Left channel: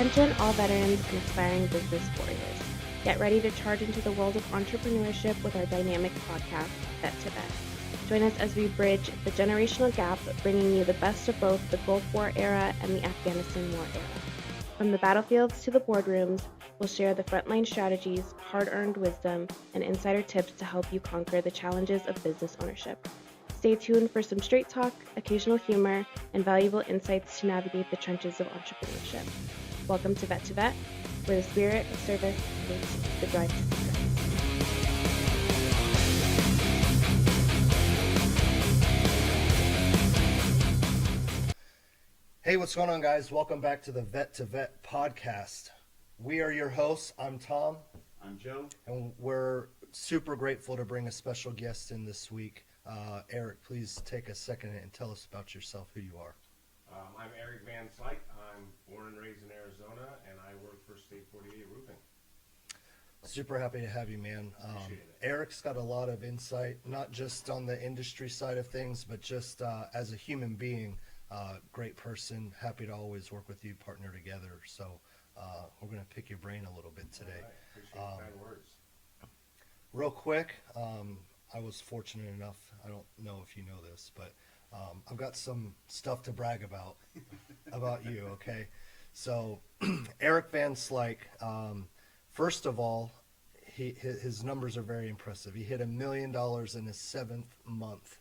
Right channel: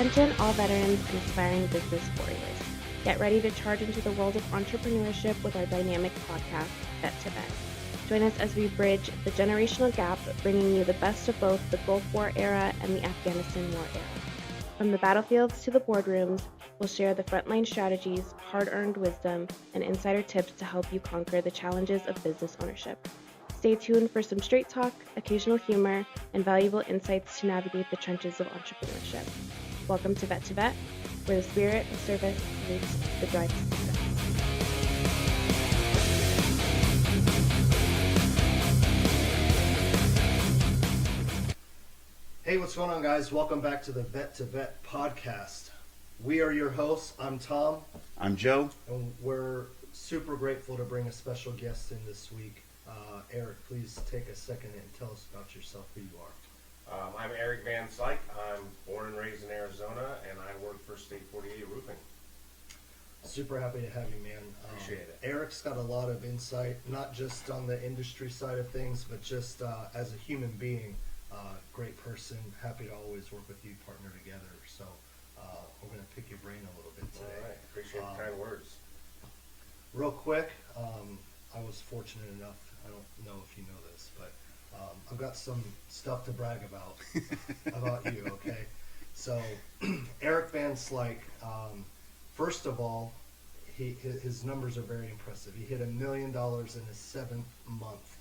Attention all veterans and aspiring business warriors. Get ready to charge into the world of entrepreneurship with our dynamic podcast, Vet to Vet. Join us as we bridge the generational gap, bringing you the best of both the Gulf War era and the Afghanistan War era. From the battlefields to the boardrooms, we'll share the frontline strategies, hard-earned wisdom, and insider tips to help you conquer the challenges of business ownership. Stay tuned for some straight talk, occasional humor, and valuable insights to navigate the trenches of entrepreneurship. Welcome to Vet, where the spirit of service meets the drive to success. Hey, what's going on, guys? Welcome back to the Vet to Vet podcast. We are your hosts. I'm Tom. I'm Joe. And we're super grateful to bring a special guest in this week. Eric, please take a second and tell us about yourself, who you are. I'm Eric Van Slyke. I'm born and raised in Arizona, and I work for State 48 Roofing. Super happy to have you, man. Appreciate it. Eric's got a lot of insight, not just on the industry side of things, but just as a human being. Great person. Happy to always work with you, partner together. So we're going to pick your brain a little bit today. All right. Appreciate the kind words. Real quick, I was fortunate enough, I don't know if you know this, but I've got some stuff to brag about you, okay? So Eric Van Slyke, first of all, his numbers are very impressive. He hit $1 million in his 7th month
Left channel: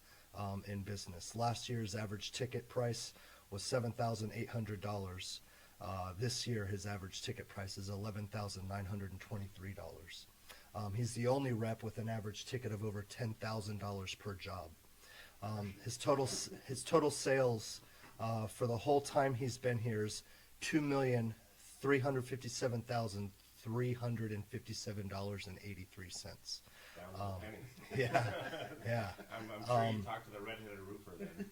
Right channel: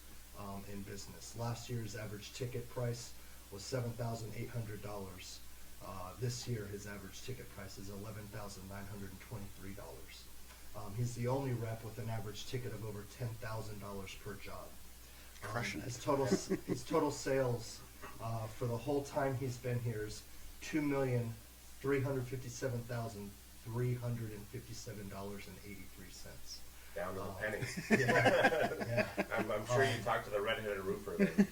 in business. Last year's average ticket price was $7,800. This year his average ticket price is $11,923. He's the only rep with an average ticket of over $10,000 per job. His total sales for the whole time he's been here is $2,357,357.83. Down to the penny. Yeah. I'm sure you talked to the redheaded roofer then.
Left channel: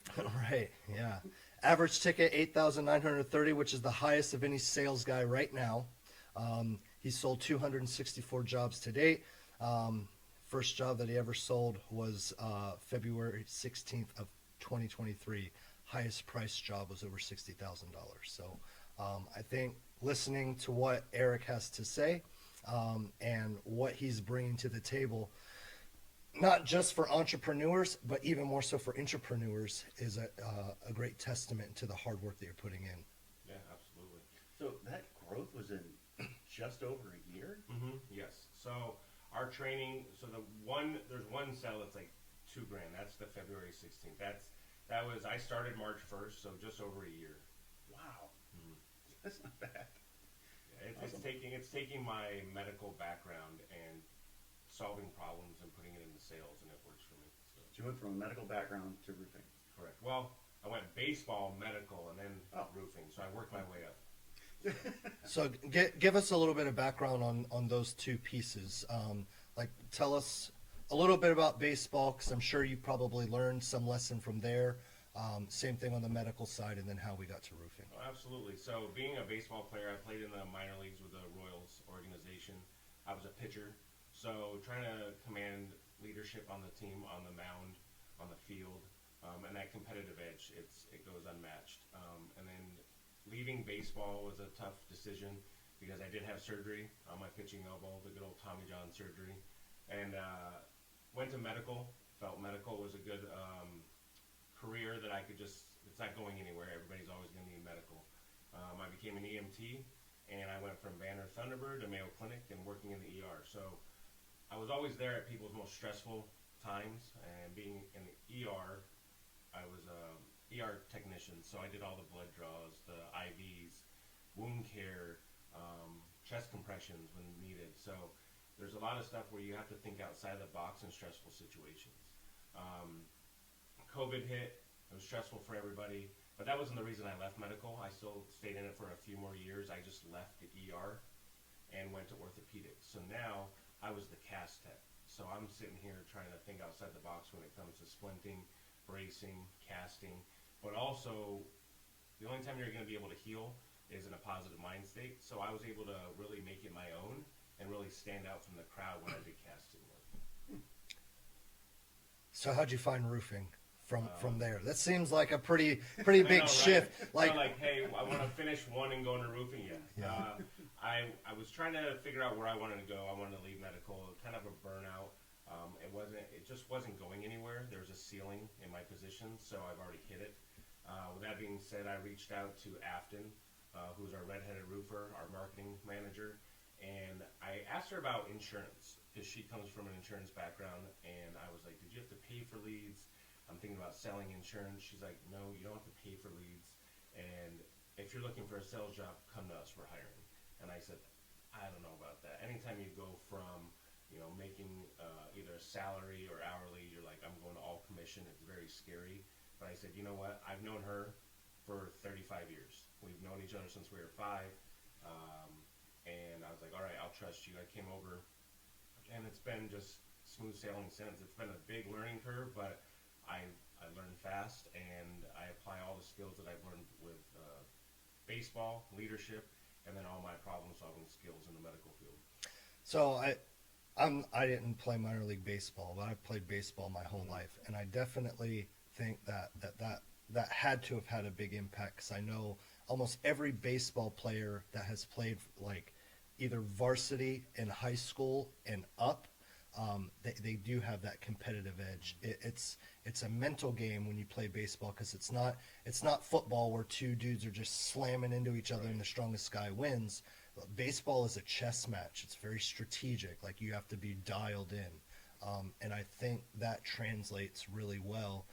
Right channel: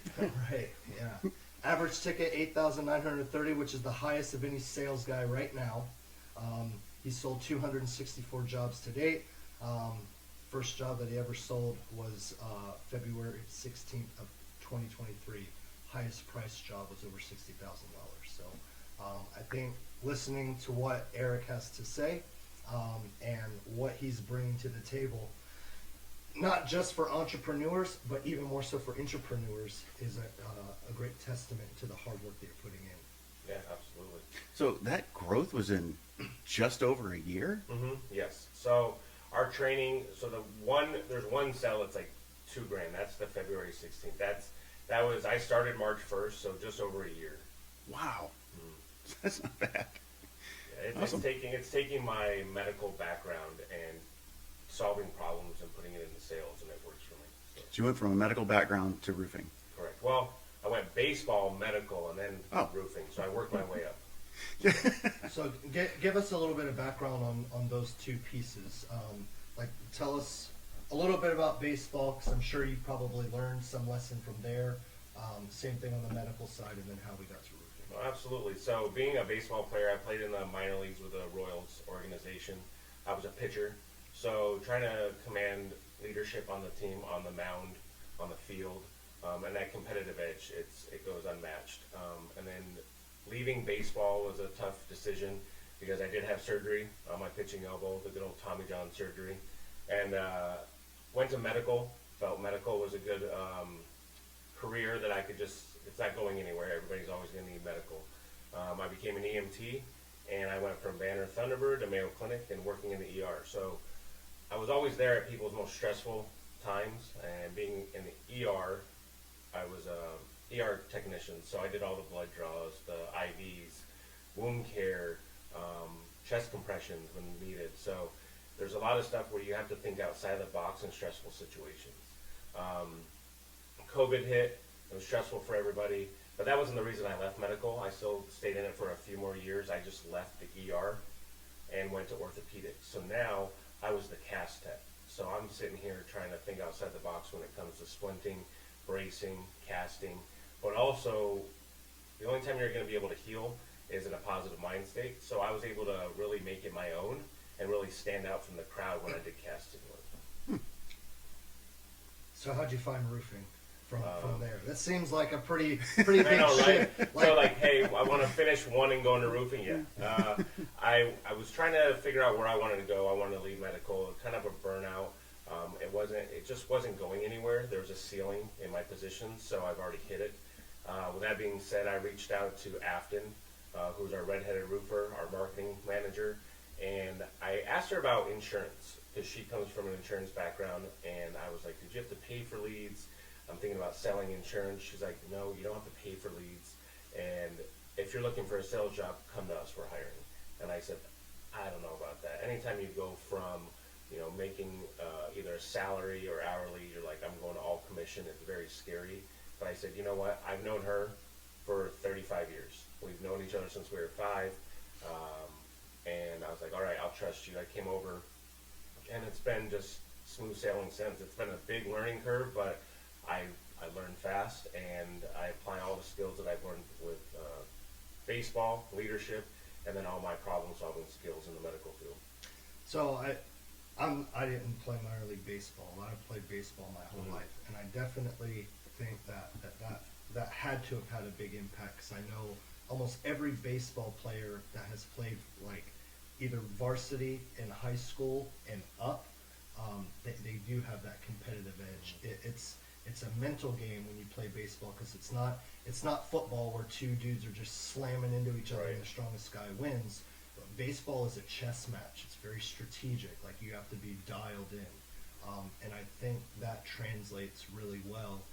Right. Yeah. Average ticket $8,930, which is the highest of any sales guy right now. He sold 264 jobs to date. First job that he ever sold was February 16th of 2023. Highest price job was over $60,000. So I think listening to what Eric has to say and what he's bringing to the table, not just for entrepreneurs, but even more so for intrapreneurs, is a great testament to the hard work that you're putting in. Yeah, absolutely. So that growth was in just over a year? Mm-hmm. Yes. So our training, there's one sale that's like $2,000. That's the February 16th. I started March 1st, so just over a year. Wow. That's not bad. Yeah, Awesome. It's taking my medical background and solving problems and putting it into sales, and it works for me. So you went from a medical background to roofing. Correct. Well, I went baseball, medical, and then roofing, so I worked my way up. So give us a little bit of background on those two pieces. Tell us a little bit about baseball, because I'm sure you probably learned some lesson from there. Same thing on the medical side, and then how we got to roofing. Well, absolutely. So being a baseball player, I played in the minor leagues with the Royals organization. I was a pitcher. So trying to command leadership on the team, on the mound, on the field, and that competitive edge, it goes unmatched. And then leaving baseball was a tough decision because I did have surgery on my pitching elbow, the good old Tommy John surgery, and went to medical. Felt medical was a good career that I could it's not going anywhere. Everybody's always going to need medical. I became an EMT, and I went from Banner Thunderbird to Mayo Clinic and working in the ER. So I was always there at people's most stressful times, and being in the ER, I was a ER technician, so I did all the blood draws, the IVs, wound care, chest compressions when needed. So there's a lot of stuff where you have to think outside the box in stressful situations. COVID hit, it was stressful for everybody, but that wasn't the reason I left medical. I still stayed in it for a few more years. I just left the ER and went to orthopedics. So now I was the cast tech. So I'm sitting here trying to think outside the box when it comes to splinting, bracing, casting, but also the only time you're going to be able to heal is in a positive mind state. So I was able to really make it my own and really stand out from the crowd when I did casting work. So how'd you find roofing? from there. That seems like a pretty big I know, right? shift. So like, hey, I want to finish one and go into roofing. Yeah. I was trying to figure out where I wanted to go. I wanted to leave medical, kind of a burnout. It just wasn't going anywhere. There was a ceiling in my position, so I've already hit it. With that being said, I reached out to Afton, who's our redheaded roofer, our marketing manager, and I asked her about insurance because she comes from an insurance background, and I was like, did you have to pay for leads? I'm thinking about selling insurance. She's like, no, you don't have to pay for leads. And if you're looking for a sales job, come to us, we're hiring. And I said, I don't know about that. Anytime you go from, making either a salary or hourly, you're like, I'm going to all commission. It's very scary. But I said, you know what? I've known her for 35 years. We've known each other since we were 5. And I was like, all right, I'll trust you. I came over, and it's been just smooth sailing since. It's been a big learning curve, but I learn fast, and I apply all the skills that I've learned with baseball, leadership, and then all my problem-solving skills in the medical field. So I didn't play minor league baseball, but I've played baseball my whole life, and I definitely think that had to have had a big impact, because I know almost every baseball player that has played like either varsity in high school and up, they do have that competitive edge. It's a mental game when you play baseball, because it's not football where two dudes are just slamming into each other and the strongest guy wins. Baseball is a chess match. It's very strategic. Like, you have to be dialed in, and I think that translates really well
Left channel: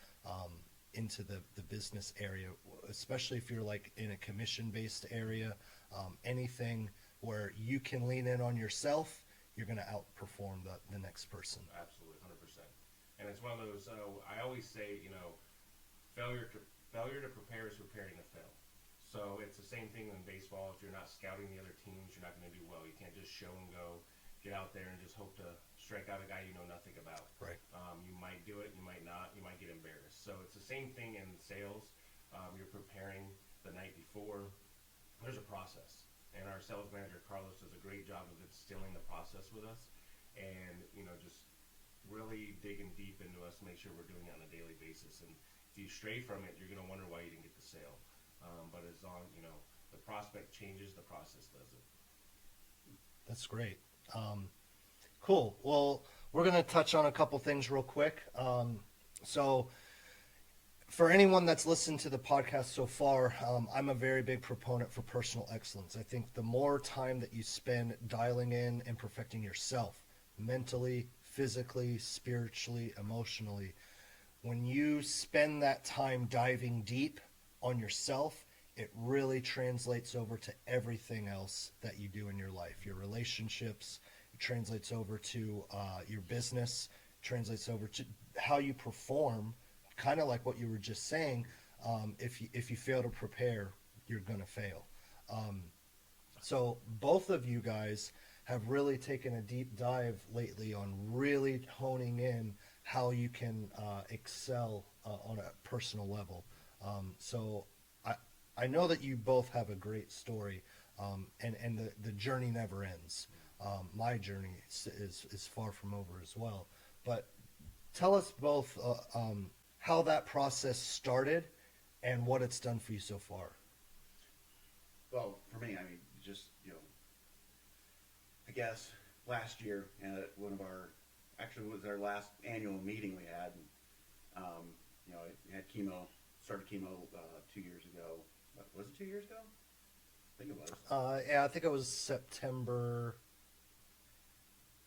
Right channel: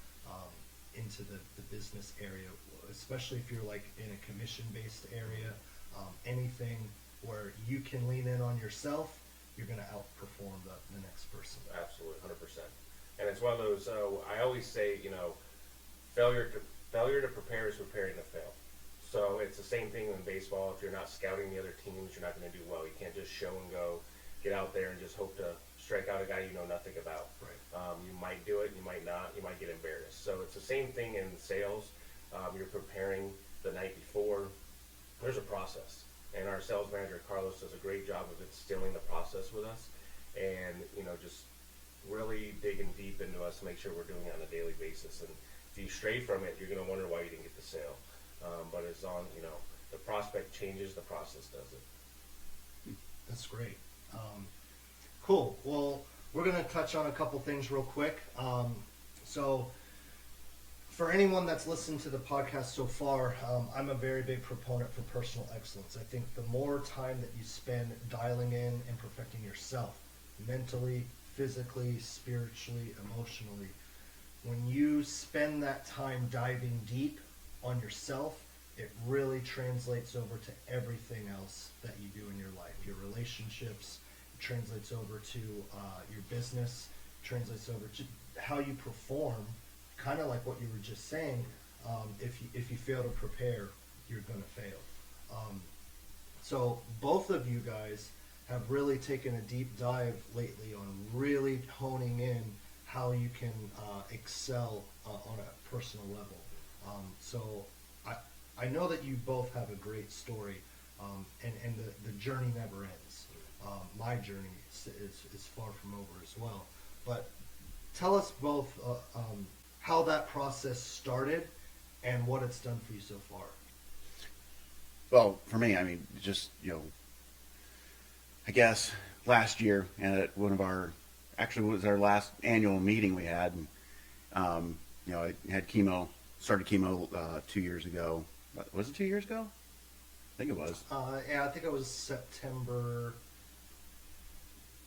into the business area, especially if you're like in a commission-based area. Anything where you can lean in on yourself, you're going to outperform the next person. Absolutely, 100%. And it's one of those. I always say, failure to prepare is preparing to fail. So it's the same thing in baseball. If you're not scouting the other teams, you're not going to do well. You can't just show and go, get out there and just hope to strike out a guy you know nothing about. Right. You might do it, you might not. You might get embarrassed. So it's the same thing in sales. You're preparing the night before. There's a process, and our sales manager Carlos does a great job of instilling the process with us, and just really digging deep into us to make sure we're doing it on a daily basis. And if you stray from it, you're going to wonder why you didn't get the sale. But as long the prospect changes, the process does it. That's great. Cool. Well, we're going to touch on a couple things real quick. So for anyone that's listened to the podcast so far, I'm a very big proponent for personal excellence. I think the more time that you spend dialing in and perfecting yourself, mentally, physically, spiritually, emotionally, when you spend that time diving deep on yourself, it really translates over to everything else that you do in your life. Your relationships, it translates over to your business, translates over to how you perform, kind of like what you were just saying. If you fail to prepare, you're going to fail. So both of you guys have really taken a deep dive lately on really honing in how you can excel on a personal level. So I know that you both have a great story, and the journey never ends. My journey is far from over as well. But tell us both how that process started and what it's done for you so far. Well, for me, I mean, just, I guess last year at one of actually it was our last annual meeting we had, and, I had started chemo 2 years ago. Was it 2 years ago? I think it was. Yeah, I think it was September.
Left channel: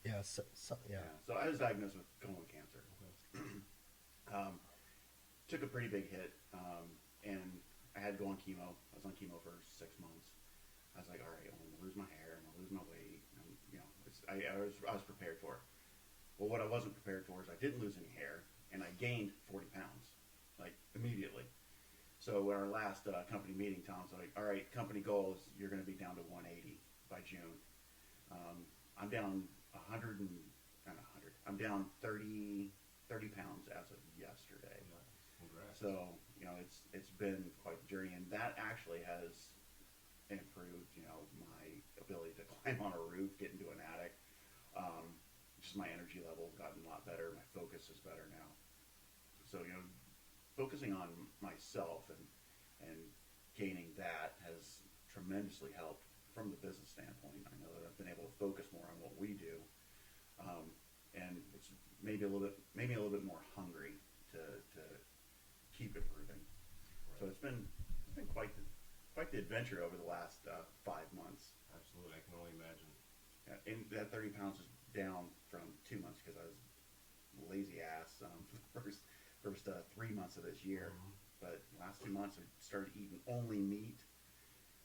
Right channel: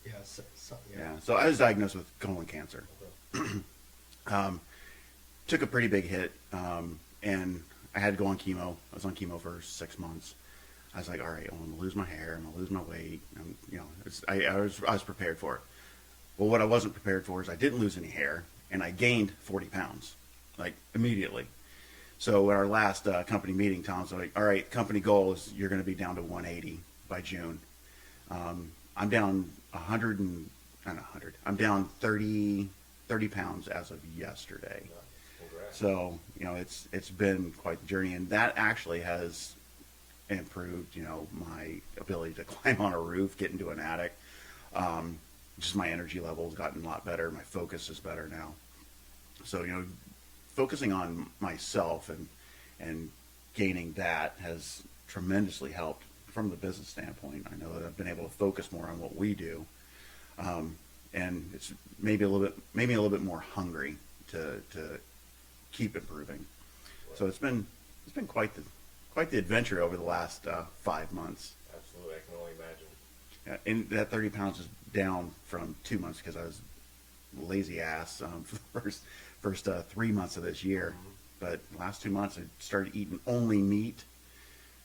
Yeah, Yeah. So I was diagnosed with colon cancer. Took a pretty big hit, and I had to go on chemo. I was on chemo for 6 months. I was like, all right, I'm going to lose my hair. I'm going to lose my weight. I was prepared for it. Well, what I wasn't prepared for is I didn't lose any hair, and I gained 40 pounds, like, immediately. So at our last company meeting, Tom's like, all right, company goal is you're going to be down to 180 by June. I'm down 100 and, not 100, I'm down 30 pounds as of yesterday. Congrats. So, it's been quite the journey, and that actually has improved, my ability to climb on a roof, get into an attic. Just my energy level has gotten a lot better. My focus is better now. So, focusing on myself and gaining that has tremendously helped from the business standpoint. I know that I've been able to focus more on what we do, and it's maybe a little bit more hungry to keep improving. So it's been quite the adventure over the last 5 months. Absolutely, I can only imagine. And that 30 pounds is down from 2 months because I was lazy ass for the first 3 months of this year. Mm-hmm. But the last 2 months I started eating only meat,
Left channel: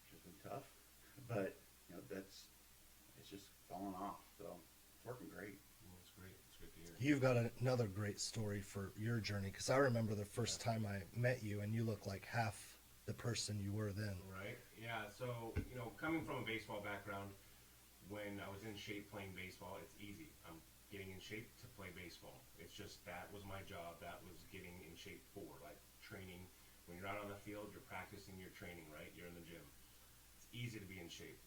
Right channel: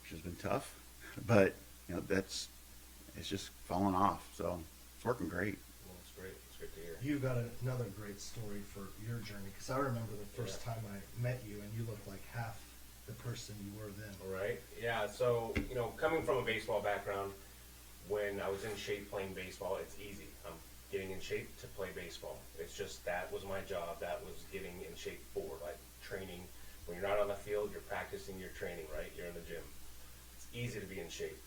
which has been tough. But it's just fallen off. So it's working great. Well, that's great. It's good to hear. You got another great story for your journey, because I remember the first time I met you, and you looked like half the person you were then. Right. Yeah. So, coming from a baseball background, when I was in shape playing baseball, it's easy. I'm getting in shape to play baseball. It's just that was my job. That was getting in shape for, like, training. When you're not on the field, you're practicing your training, right? You're in the gym. It's easy to be in shape.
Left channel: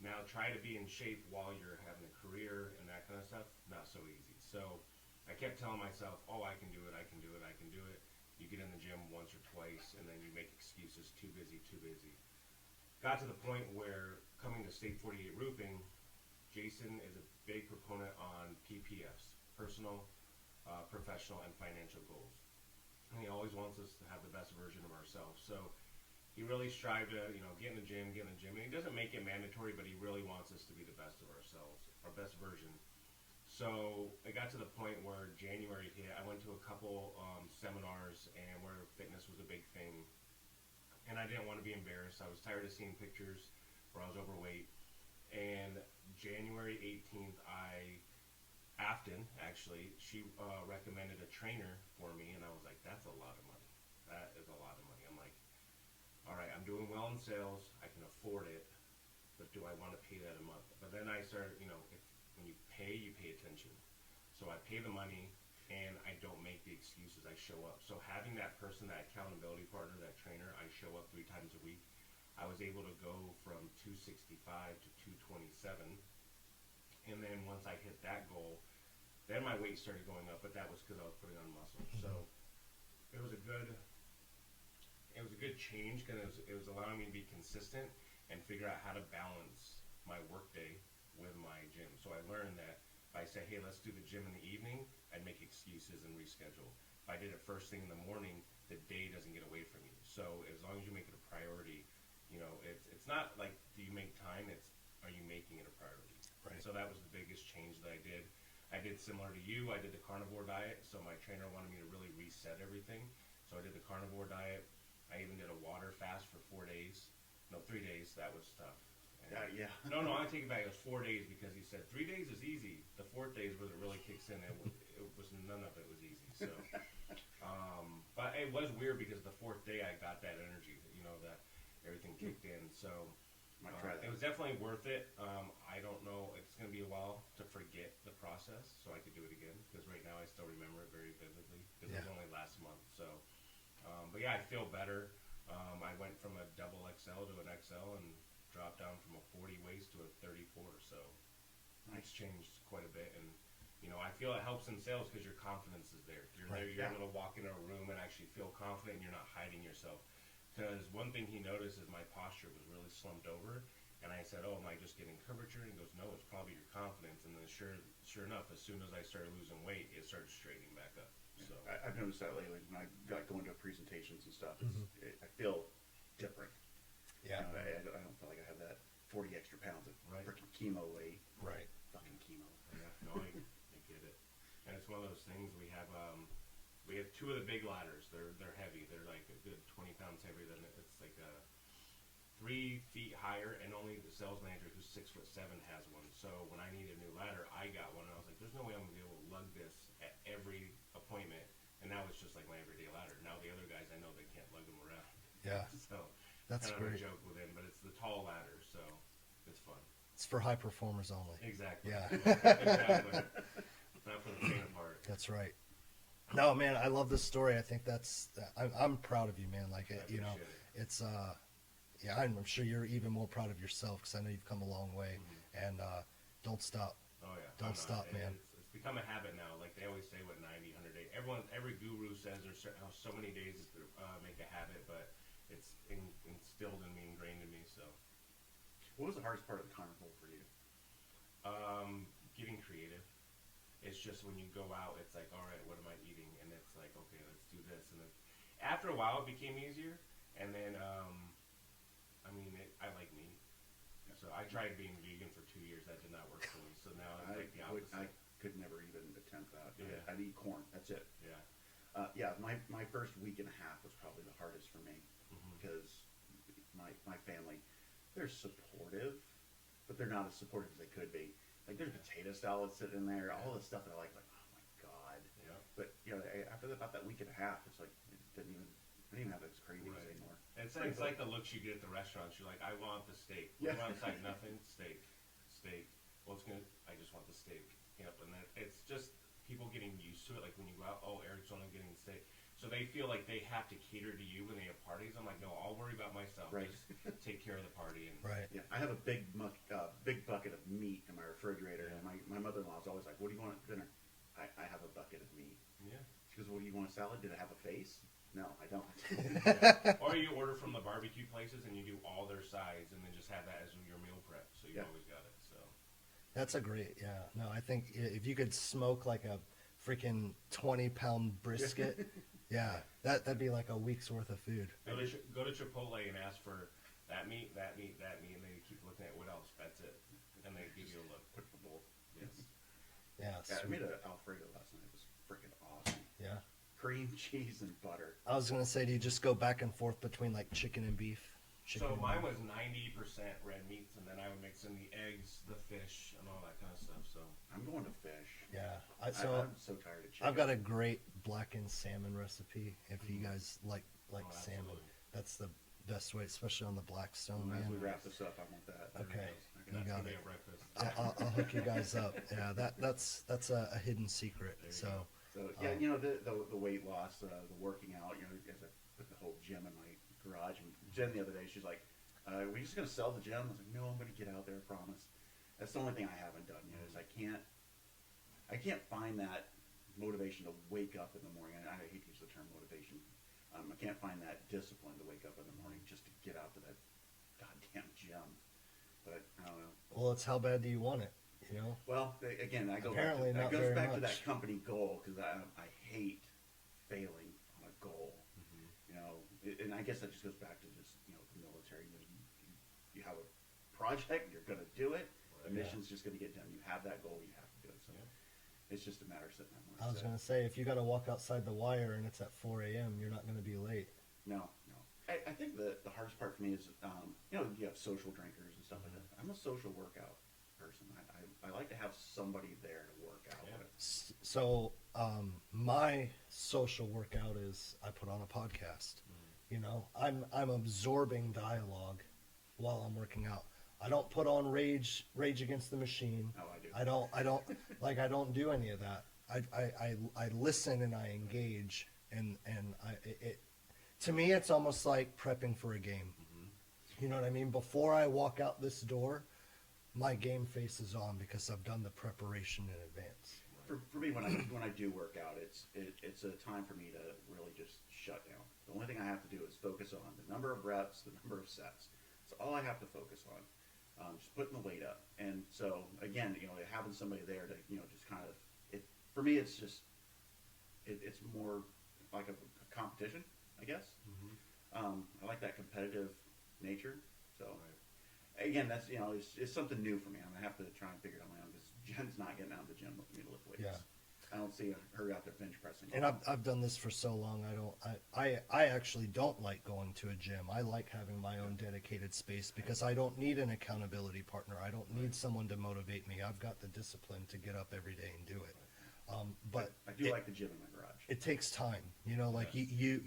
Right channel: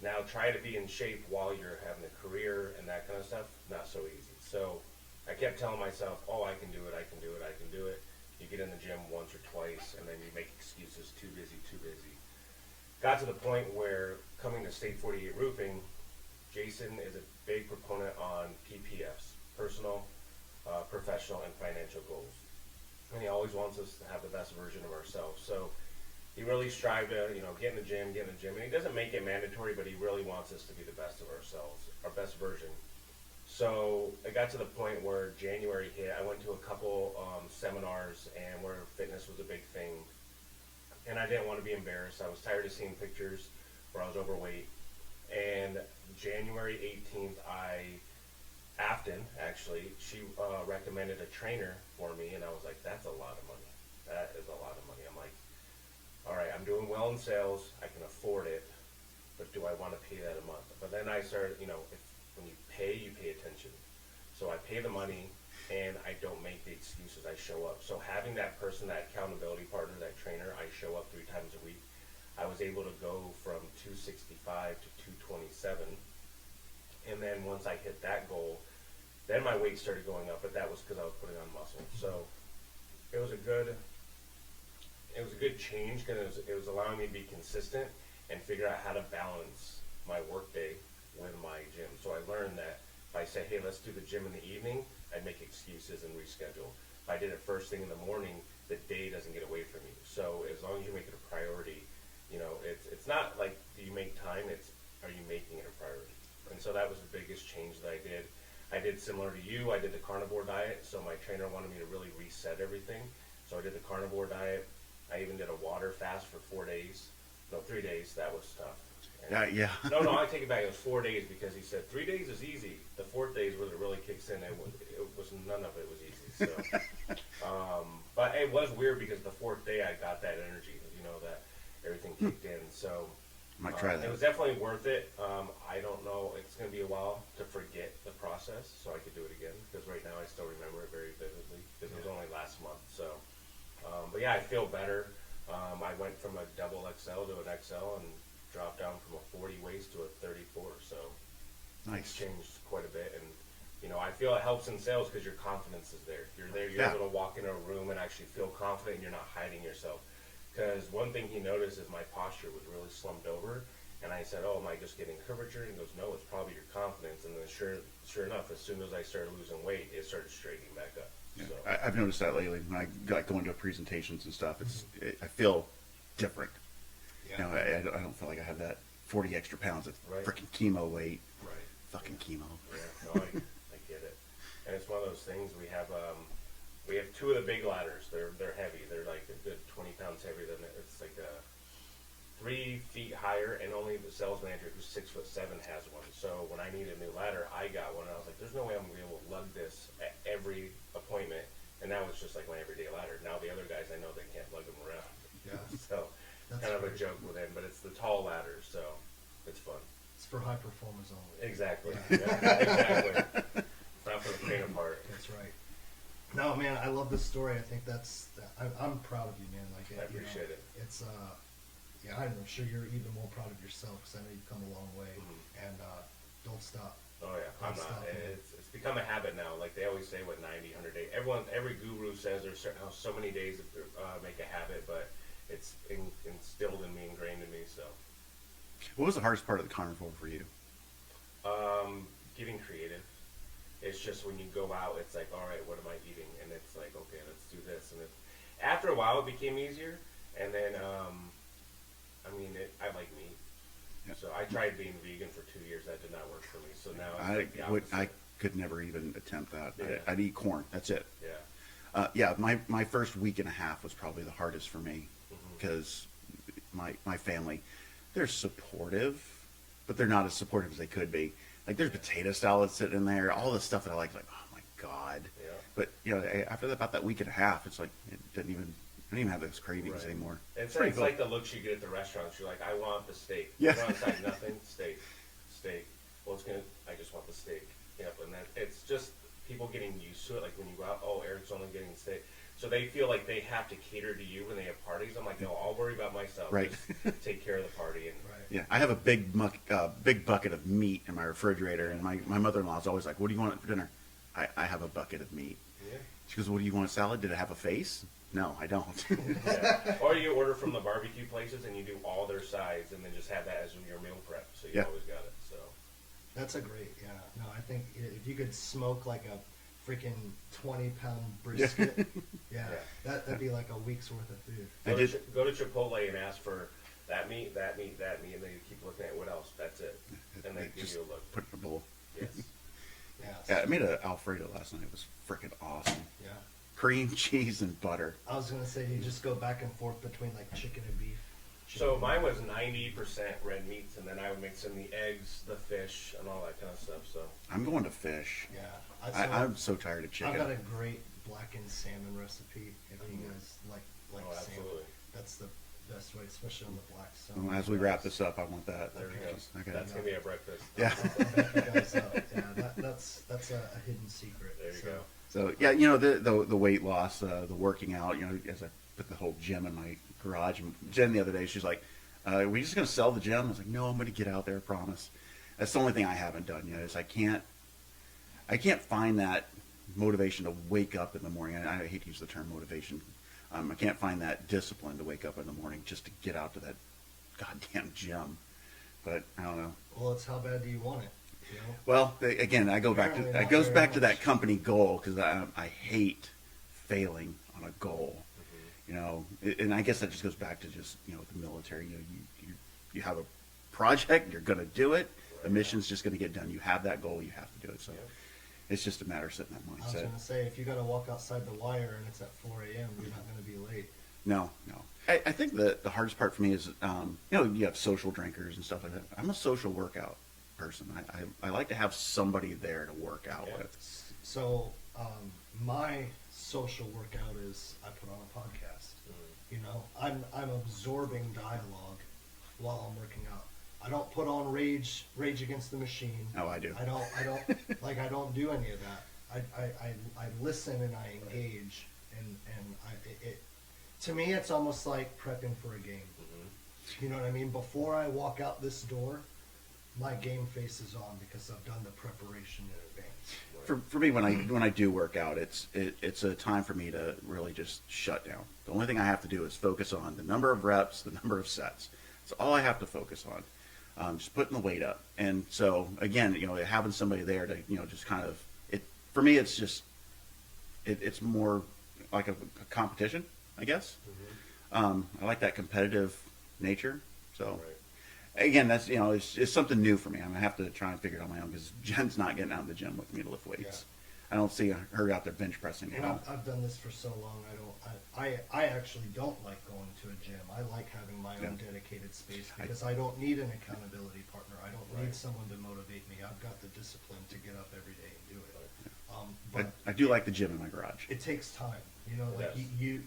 Now try to be in shape while you're having a career and that kind of stuff. Not so easy. So I kept telling myself, oh, I can do it. I can do it. I can do it. You get in the gym once or twice, and then you make excuses. Too busy, too busy. Got to the point where coming to State 48 Roofing, Jason is a big proponent on PPFs, personal, professional, and financial goals. And he always wants us to have the best version of ourselves. So he really strived to, get in the gym. And he doesn't make it mandatory, but he really wants us to be the best of ourselves, our best version. So it got to the point where January hit. I went to a couple seminars and where fitness was a big thing. And I didn't want to be embarrassed. I was tired of seeing pictures where I was overweight. And January 18th, Afton, actually, she recommended a trainer for me. And I was like, that's a lot of money. That is a lot of money. I'm like, all right, I'm doing well in sales. I can afford it. But do I want to pay that a month? But then I started, when you pay attention. So I pay the money, and I don't make the excuses. I show up. So having that person, that accountability partner, that trainer, I show up 3 times a week. I was able to go from 265 to 227. And then once I hit that goal, then my weight started going up, but that was because I was putting on muscle. So it was a good change, because it was allowing me to be consistent and figure out how to balance my workday with my gym. So I learned that if I say, hey, let's do the gym in the evening, I'd make excuses and reschedule. If I did it first thing in the morning, the day doesn't get away from you. So as long as you make it a priority, it's not like, do you make time? It's, are you making it a priority? And so that was the biggest change that I did. I did similar to you. I did the carnivore diet. So my trainer wanted me to really reset everything. So I did the carnivore diet. I even did a water fast for 4 days. No, 3 days. That was tough. Yeah. No, I take it back. It was 4 days, because he said 3 days is easy. The 4th day is where it really kicks in. It was none of it was easy. So, but it was weird, because the 4th day I got that energy. That everything kicked in. So Might try that. it was definitely worth it. I don't know. It's going to be a while to forget the process, so I could do it again, because right now I still remember it very vividly, because it was only last month. So, but yeah, I feel better. I went from a double XL to an XL and dropped down from a 40 waist to a 34. So Nice. it's changed quite a bit. And, I feel it helps in sales, because your confidence is there. You're there. You're Yeah. able to walk in a room and actually feel confident, and you're not hiding yourself. Because one thing he noticed is my posture was really slumped over. And I said, oh, am I just getting curvature? And he goes, no, it's probably your confidence. And then sure enough, as soon as I started losing weight, it started straightening back up. Yeah. So, I've noticed that lately when I go into presentations and stuff. I feel different. Yeah. I don't feel like I have that 40 extra pounds of Right. freaking chemo weight. Right. Fucking chemo. yeah, no, I get it. And it's one of those things. We have 2 of the big ladders. They're heavy. They're like a good 20 pounds heavier than it. It's like 3 feet higher, and only the sales manager, who's 6'7", has one. So when I need a new ladder, I got one. And I was like, there's no way I'm gonna be able to lug this at every appointment. And that was just like my everyday ladder. Now the other guys, I know they can't lug them around. Yeah. So That's kind of a great. joke with him, but it's the tall ladder, so it's fun. It's for high performers only. Exactly. Yeah. Yeah, exactly. It's not for the faint of heart. That's right. No, man, I love this story. I think I'm proud of you, man. Like, I appreciate it. It's, yeah, I'm sure you're even more proud of yourself, because I know you've come a long way. Mhm. And don't stop. Oh yeah, Don't I'm stop, not. man. It's become a habit now. Like they always say, what 90, 100 days. Every guru says there's so many days that make a habit, but it's instilled in me, ingrained in me. So, What was the hardest part of the carnivore for you? getting creative. It's just when you go out, it's like, all right, what am I eating? And it's like, okay, let's do this. And after a while, it became easier. And then, I like meat. Yeah. So I tried being vegan for 2 years. That did not work for me. So now it's like the opposite. I could never even attempt that. Yeah. I'd eat corn. That's it. Yeah. My first week and a half was probably the hardest for me because my family, they're supportive, but they're not as supportive as they could be. Like there's potato salad sitting in there, all the stuff that I like oh my God. Yeah. But after about that week and a half, it's like I don't even have those cravings Right. anymore. It's pretty like the looks you get at the restaurants. You're like, I want the steak. Yeah. You want inside nothing? Steak. Well, I just want the steak. Yep. And then it's just people getting used to it. Like when you go out, oh, Eric's only getting steak. So they feel like they have to cater to you when they have parties. I'm like, no, I'll worry about myself. Right. Just take care of the party. And Right. Yeah, I have a big bucket of meat in my refrigerator, and my mother-in-law is always like, "What do you want for dinner?" I have a bucket of meat. Yeah. She goes, "What do you want? A salad? Did it have a face?" No, I don't. Yeah. Or you order from the barbecue places and you do all their sides and then just have that as your meal prep. So you Yeah. always got it. So That's a great, yeah. No, I think if you could smoke like a freaking 20-pound brisket, yeah, that'd be like a week's worth of food. go to Chipotle and ask for that meat, and then you keep looking at what else. That's it. And they give Just you a look. put it in a bowl. Yes. Yeah. Yeah, I made an Alfredo last night. It was freaking awesome. Yeah. Cream, cheese, and butter. I was gonna say, do you just go back and forth between like chicken and beef? So mine was 90% red meats, and then I would mix in the eggs, the fish, and all that kind of stuff. So I'm going to fish. Yeah. I'm so tired of chicken. I've got a great blackened salmon recipe. If you guys like Oh, salmon, absolutely. that's the best way, especially on the Blackstone. Well, as we wrap this up, I want that. There Okay. it is. Okay. That's gonna be our breakfast. Yeah. I'll hook you guys up. Yeah, that's a hidden secret. There you so, go. So yeah, the weight loss, the working out. As I put the whole gym in my garage. And Jen the other day, she's like, "Are we just gonna sell the gym?" I was like, "No, I'm gonna get out there. I promise." That's the only thing I haven't done yet. Is I can't find that motivation to wake up in the morning. I hate to use the term motivation. I can't find that discipline to wake up in the morning just to get out to that goddamn gym. But I don't know. well, it's how bad do you want it? You know? Well, again, I go back to Apparently it not goes very back to that much. company goal because I hate failing on a goal. And I guess that just goes back to just the military. You have a project, you're going to do it. The mission's just going to get done. You have that goal, you have to do it. So it's just a matter of setting that I was mindset. gonna say, if you got to walk outside the wire and it's at 4 a.m., you're not gonna be late. No. I think the hardest part for me is you have social drinkers and stuff like that. I'm a social workout person. I like to have somebody there to work out Yeah. with. So my social workout is I put on a podcast. I'm absorbing dialogue while I'm working out. I don't put on Rage Against the Machine. Oh, I do. I don't I don't do any of that. I listen and I engage, and to me it's almost like prepping for a game. You know what I mean? Before I walk out this door, my game face is on because I've done the preparation in advance. For me, when I do work out, it's a time for me to really just shut down. The only thing I have to do is focus on the number of reps, the number of sets. That's all I have to focus on. Just putting the weight up. And so again, having somebody there to just kind of for me, it's just it's more like a competition, I guess. I like that competitive nature. So again, that's it's something new for me. I'm gonna have to try and figure it out on my own because Jen's not getting out of the gym with me to lift weights. Yeah. I don't see her out there bench pressing. And I've done this for so long. I actually don't like going to a gym. I like having my own dedicated space because I don't need an accountability partner. I don't need someone to motivate me. I've got the discipline to get up every day and do it. But I do like the gym in my garage. it takes time. Like Yes. you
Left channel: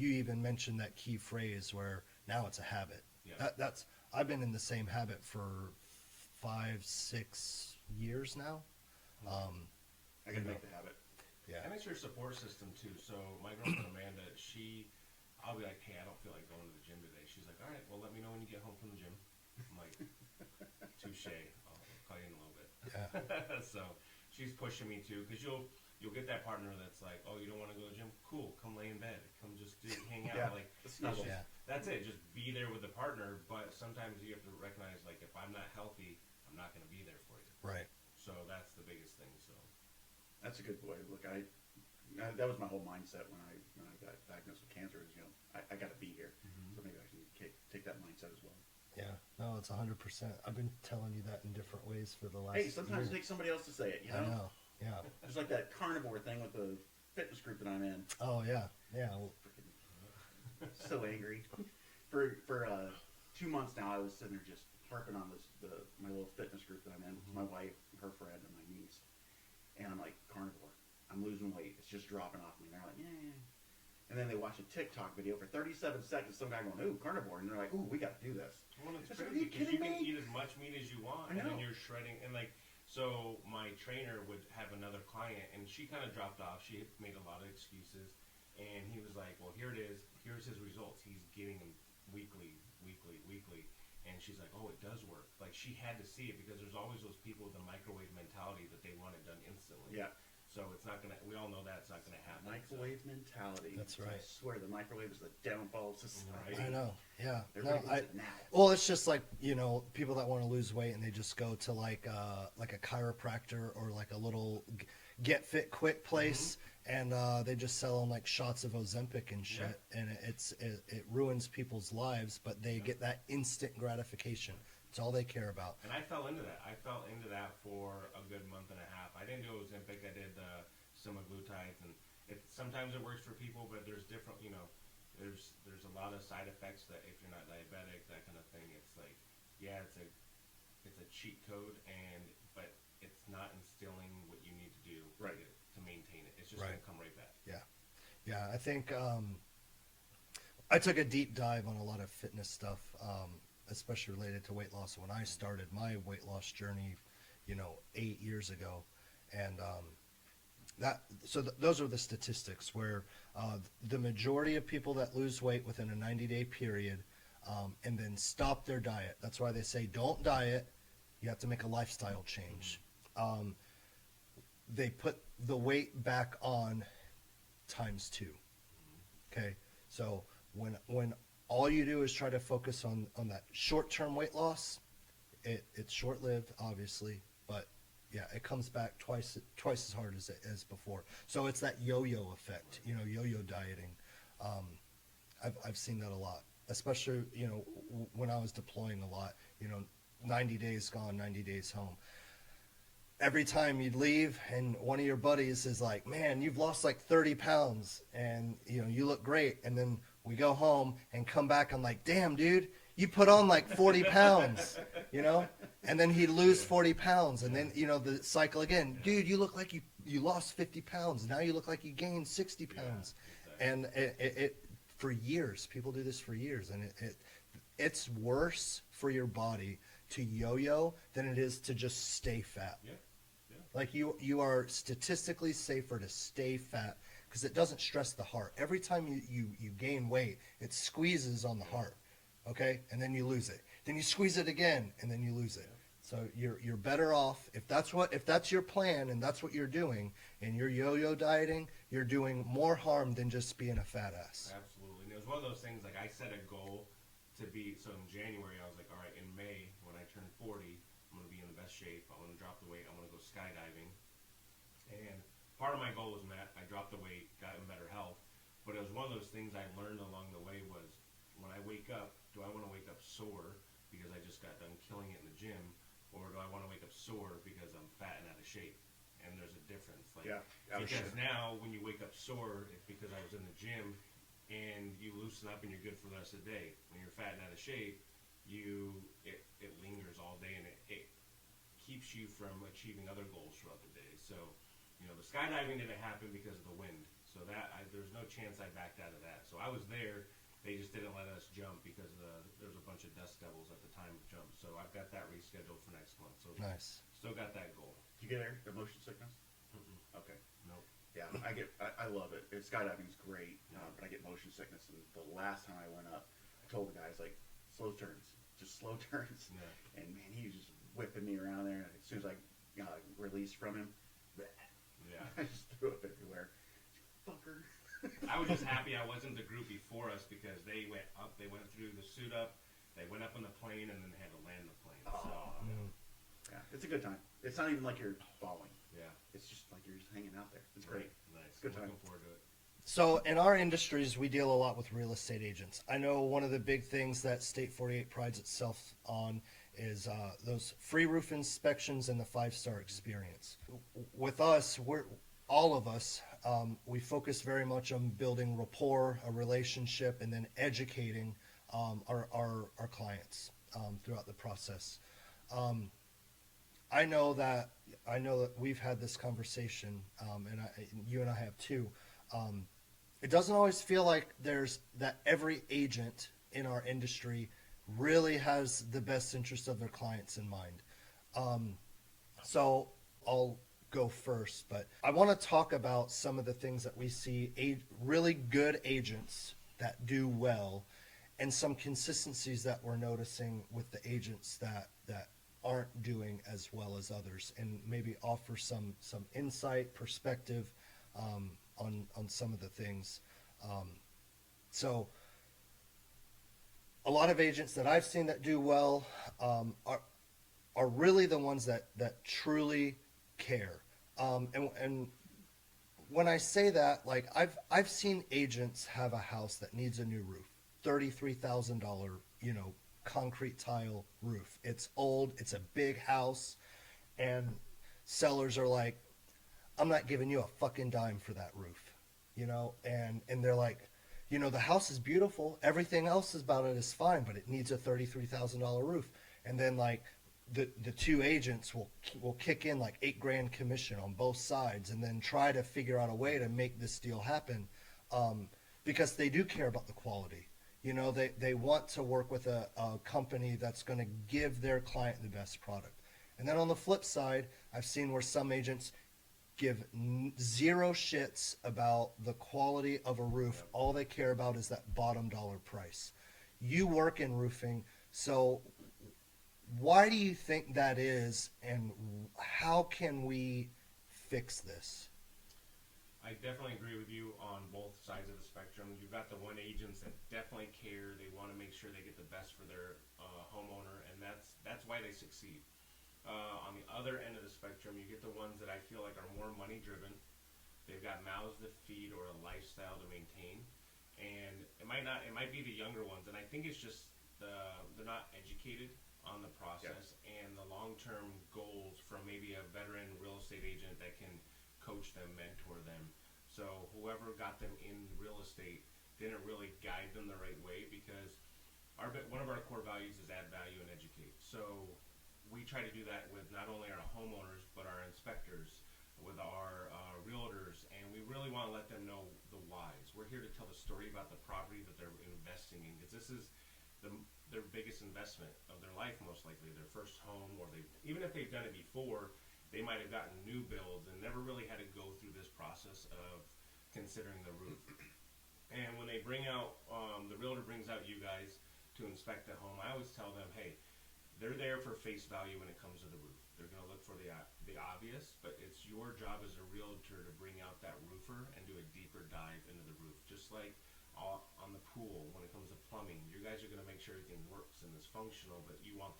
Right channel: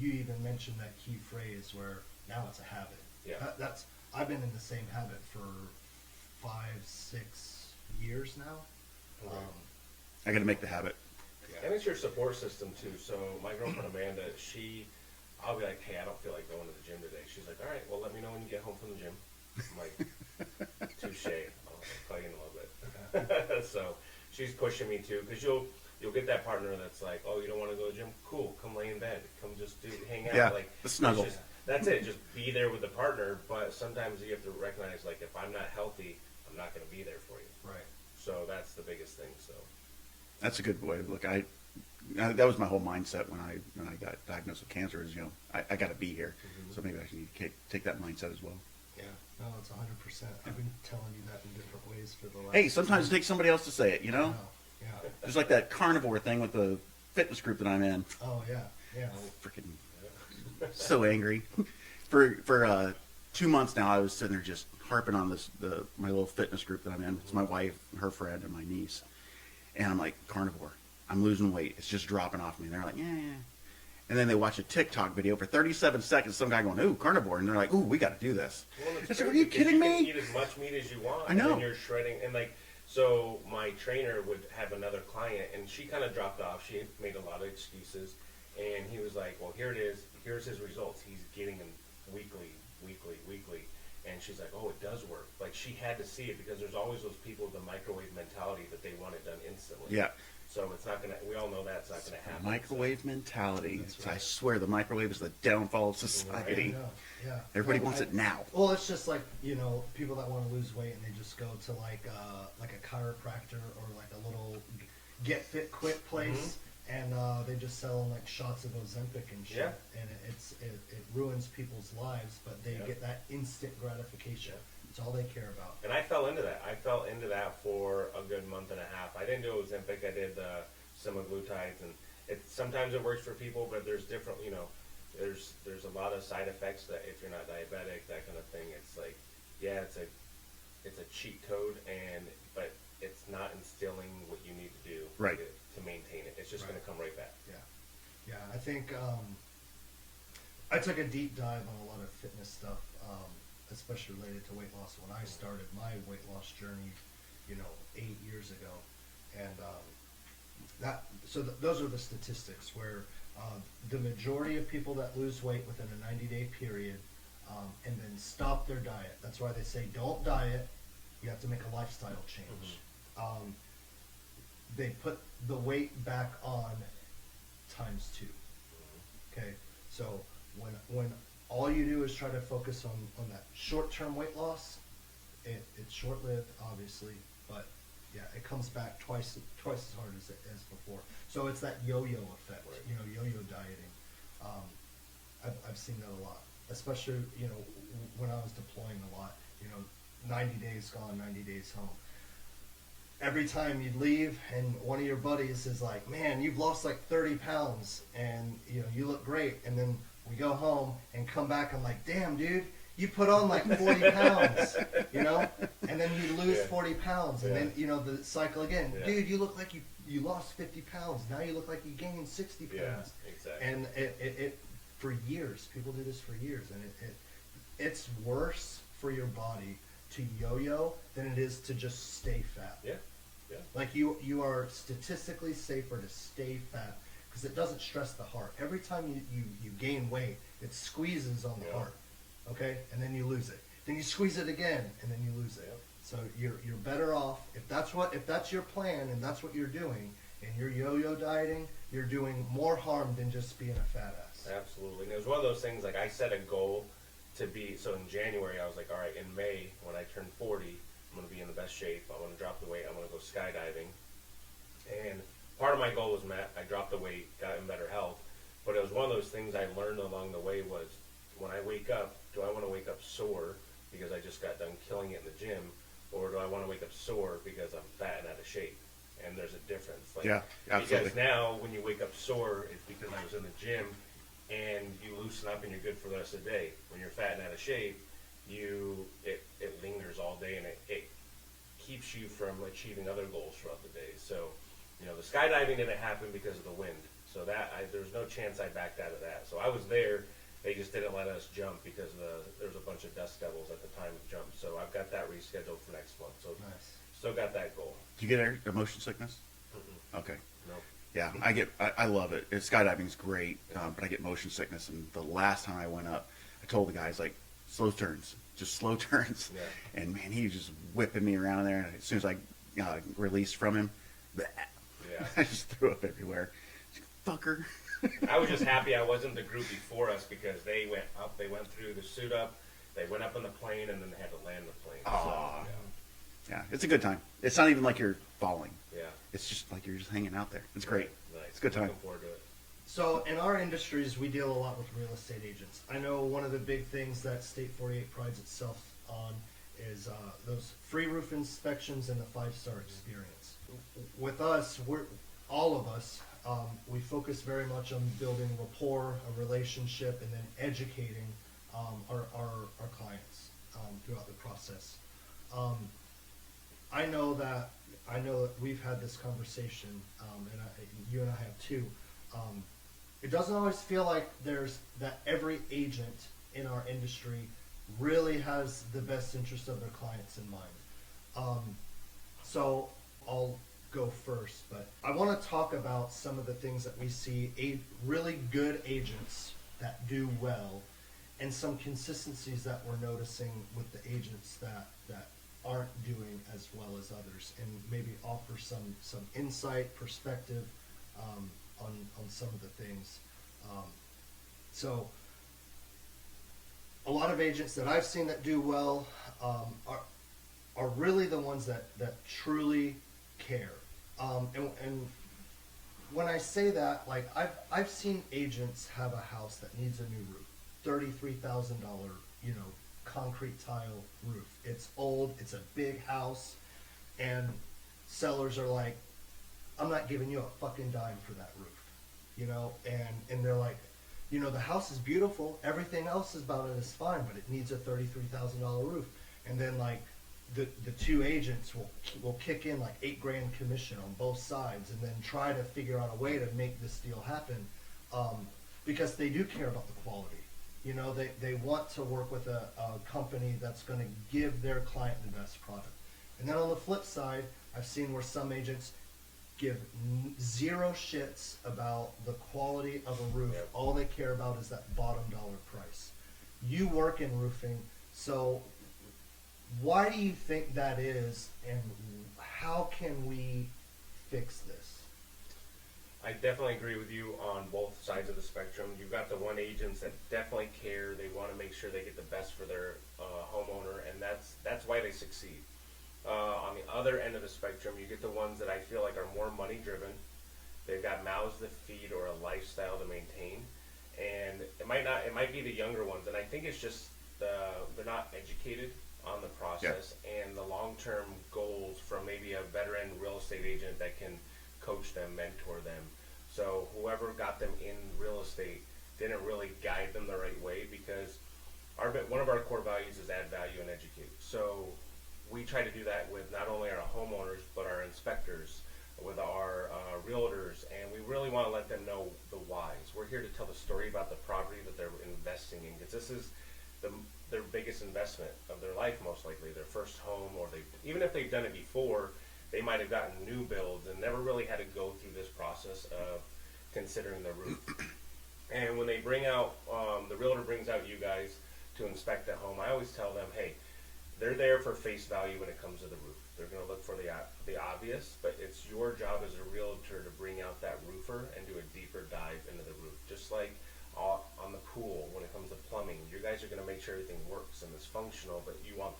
even mentioned that key phrase where now it's a habit. Yeah. That's I've been in the same habit for 5-6 years now. I got to make the habit. Yeah. And it's your support system too. So my girlfriend Amanda, I'll be like, hey, I don't feel like going to the gym today. She's like, all right, well, let me know when you get home from the gym. I'm like, touche. I'll call you in a little bit. So she's pushing me too, because you'll get that partner that's like, oh, you don't want to go to the gym? Cool, come lay in bed, come just hang out. Yeah, Like the snuggle. That's it. Just be there with the partner. But sometimes you have to recognize, like, if I'm not healthy, I'm not going to be there for you. Right. So that's the biggest thing. So That's a good way to look. That was my whole mindset when I got diagnosed with cancer. Is I got to be here. So maybe I should take that mindset as well. Yeah. No, it's 100%. I've been telling you that in different ways for the last. Hey, sometimes it takes somebody else to say it. I know. Yeah. There's like that carnivore thing with the fitness group that I'm in. Oh yeah. Yeah. Freaking so angry. For 2 months now, I was sitting there just harping on my little fitness group that I'm in. It's my wife, her friend, and my niece. And I'm like, carnivore. I'm losing weight. It's just dropping off me. And they're like, yeah. And then they watch a TikTok video for 37 seconds. Some guy going, ooh, carnivore. And they're like, ooh, we got to do this. Well, I said, are you kidding me? You can eat as much meat as you want. I know. And then you're shredding. And like, so my trainer would have another client, and she kind of dropped off. She made a lot of excuses. And he was like, well, here it is. Here's his results. He's getting them weekly. And she's like, oh, it does work. Like, she had to see it, because there's always those people with the microwave mentality that they want it done instantly. Yeah. So it's not going to, we all know that's not going to happen. Microwave mentality. That's right. I swear the microwave is the downfall of society. I know. Yeah. Everybody No, wants it now. Well, it's just like, people that want to lose weight and they just go to like a chiropractor or like a little get fit quit place, and they just sell them like shots of Ozempic and shit, and it ruins people's lives, but they get that instant gratification. It's all they care about. And I fell into that. For a good month and a half. I didn't do Ozempic. I did semaglutides, and sometimes it works for people, but there's different. There's a lot of side effects that if you're not diabetic, that kind of thing. It's like, yeah, it's a cheat code, but it's not instilling what you need to do Right. to maintain it. It's just Right. going to come right back. Yeah, I think I took a deep dive on a lot of fitness stuff, especially related to weight loss when I started my weight loss journey, 8 years ago, and those are the statistics where the majority of people that lose weight within a 90-day period and then stop their diet. That's why they say don't diet. You have to make a lifestyle change. They put the weight back on times 2. Okay, so when all you do is try to focus on that short-term weight loss, it's short-lived, obviously, but yeah, it comes back twice as hard as before. So it's that yo-yo effect, Right. Yo-yo dieting. I've seen that a lot, especially when I was deploying a lot. 90 days gone, 90 days home. Every time you'd leave and one of your buddies is like, man, you've lost like 30 pounds and you look great. And then we go home and come back. I'm like, damn, dude, you put on like 40 pounds, and then he'd lose 40 pounds. And then, the cycle again, dude, you look like you lost 50 pounds. Now you look like you gained 60 pounds. Exactly. And it for years, people do this for years. And it's worse for your body to yo-yo than it is to just stay fat. Yeah. Like you are statistically safer to stay fat because it doesn't stress the heart. Every time you gain weight, it squeezes on the heart, okay, and then you lose it. Then you squeeze it again, and then you lose it. So you're better off if that's your plan and that's what you're doing, and you're yo-yo dieting. You're doing more harm than just being a fat ass. Absolutely. And it was one of those things, like I set a goal to be, so in January I was like, all right, in May when I turn 40, I'm going to be in the best shape. I want to drop the weight. I'm going to go skydiving. And part of my goal was met. I dropped the weight, got in better health. But it was one of those things I learned along the way was when I wake up, do I want to wake up sore because I just got done killing it in the gym? Or do I want to wake up sore because I'm fat and out of shape? And there's a difference. Like, Yeah, absolutely. Because now when you wake up sore, it's because I was in the gym and you loosen up and you're good for the rest of the day. When you're fat and out of shape, it lingers all day and it keeps you from achieving other goals throughout the day. So, the skydiving didn't happen because of the wind. So there's no chance I backed out of that. So I was there. They just didn't let us jump because there was a bunch of dust devils at the time of jump. So I've got that rescheduled for next month. So Nice. still got that goal. Do you get motion sickness? Okay. Nope. Yeah, I love it. Skydiving's great, but I get motion sickness. And the last time I went up, I told the guys, like, slow turns, just slow turns. Yeah. And man, he was just whipping me around there. And as soon as I released from him, Bleh. Yeah. I just threw up everywhere. Fucker. I was just happy I wasn't the group before us because they went up, they went through the suit up, they went up on the plane, and then they had to land the plane. Aw. Yeah, it's a good time. It's not even like you're falling. Yeah. It's just like you're just hanging out there. It's great. Nice. It's a good time. Looking forward to it. So in our industries, we deal a lot with real estate agents. I know one of the big things that State 48 prides itself on is those free roof inspections and the 5-star experience. With us, all of us, we focus very much on building rapport, a relationship, and then educating our clients throughout the process. I know that we've had this conversation, and you and I have too. It doesn't always feel like every agent in our industry really has the best interest of their clients in mind. So I'll go first, but I want to talk about some of the things that we see really good agents that do well, and some consistencies that we're noticing with the agents that aren't doing as well as others, and maybe offer some insight, perspective on some of the things. So a lot of agents that I've seen that do well are really the ones that truly care. And when I say that, like I've seen agents have a house that needs a new roof, $33,000, concrete tile roof. It's old, it's a big house, and sellers are like, I'm not giving you a fucking dime for that roof, and they're like, the house is beautiful, everything else about it is fine, but it needs a $33,000 roof. And then like the two agents will kick in like $8,000 commission on both sides, and then try to figure out a way to make this deal happen, because they do care about the quality. They want to work with a company that's going to give their client the best product. And then on the flip side, I've seen where some agents give zero shits about the quality of a roof. Yep. All they care about is that bottom dollar price. You work in roofing, so why do you think that is, and how can we fix this? I definitely agree with you on both sides of the spectrum. You've got the one agents that definitely care. They want to make sure they get the best for their homeowner, and that's why they succeed. On the other end of the spectrum, you get the ones that I feel like are more money driven. They've got mouths to feed or a lifestyle to maintain, and it might be the younger ones. And I think it's just they're not educated on the process and the long-term goals from maybe a veteran real estate agent that can coach them, mentor them. So whoever got them in real estate didn't really guide them the right way, because one of our core values is add value and educate. So we try to do that with not only our homeowners but our inspectors, with our realtors, and we really want to let them know the whys. We're here to tell the story about the property that they're investing in, because this is their biggest investment of their life, most likely their first home, or even if they've done it before, they might have gotten new builds and never really had to go through this process of considering the roof. And when they bring out, the realtor brings out you guys to inspect the home, I always tell them, hey, they're there for face value when it comes to the roof. They're going to look for the obvious, but it's your job as a realtor to bring out that roofer and do a deeper dive into the roof. Just like on the pool, when it comes to plumbing, you guys are going to make sure everything works and is functional, but you want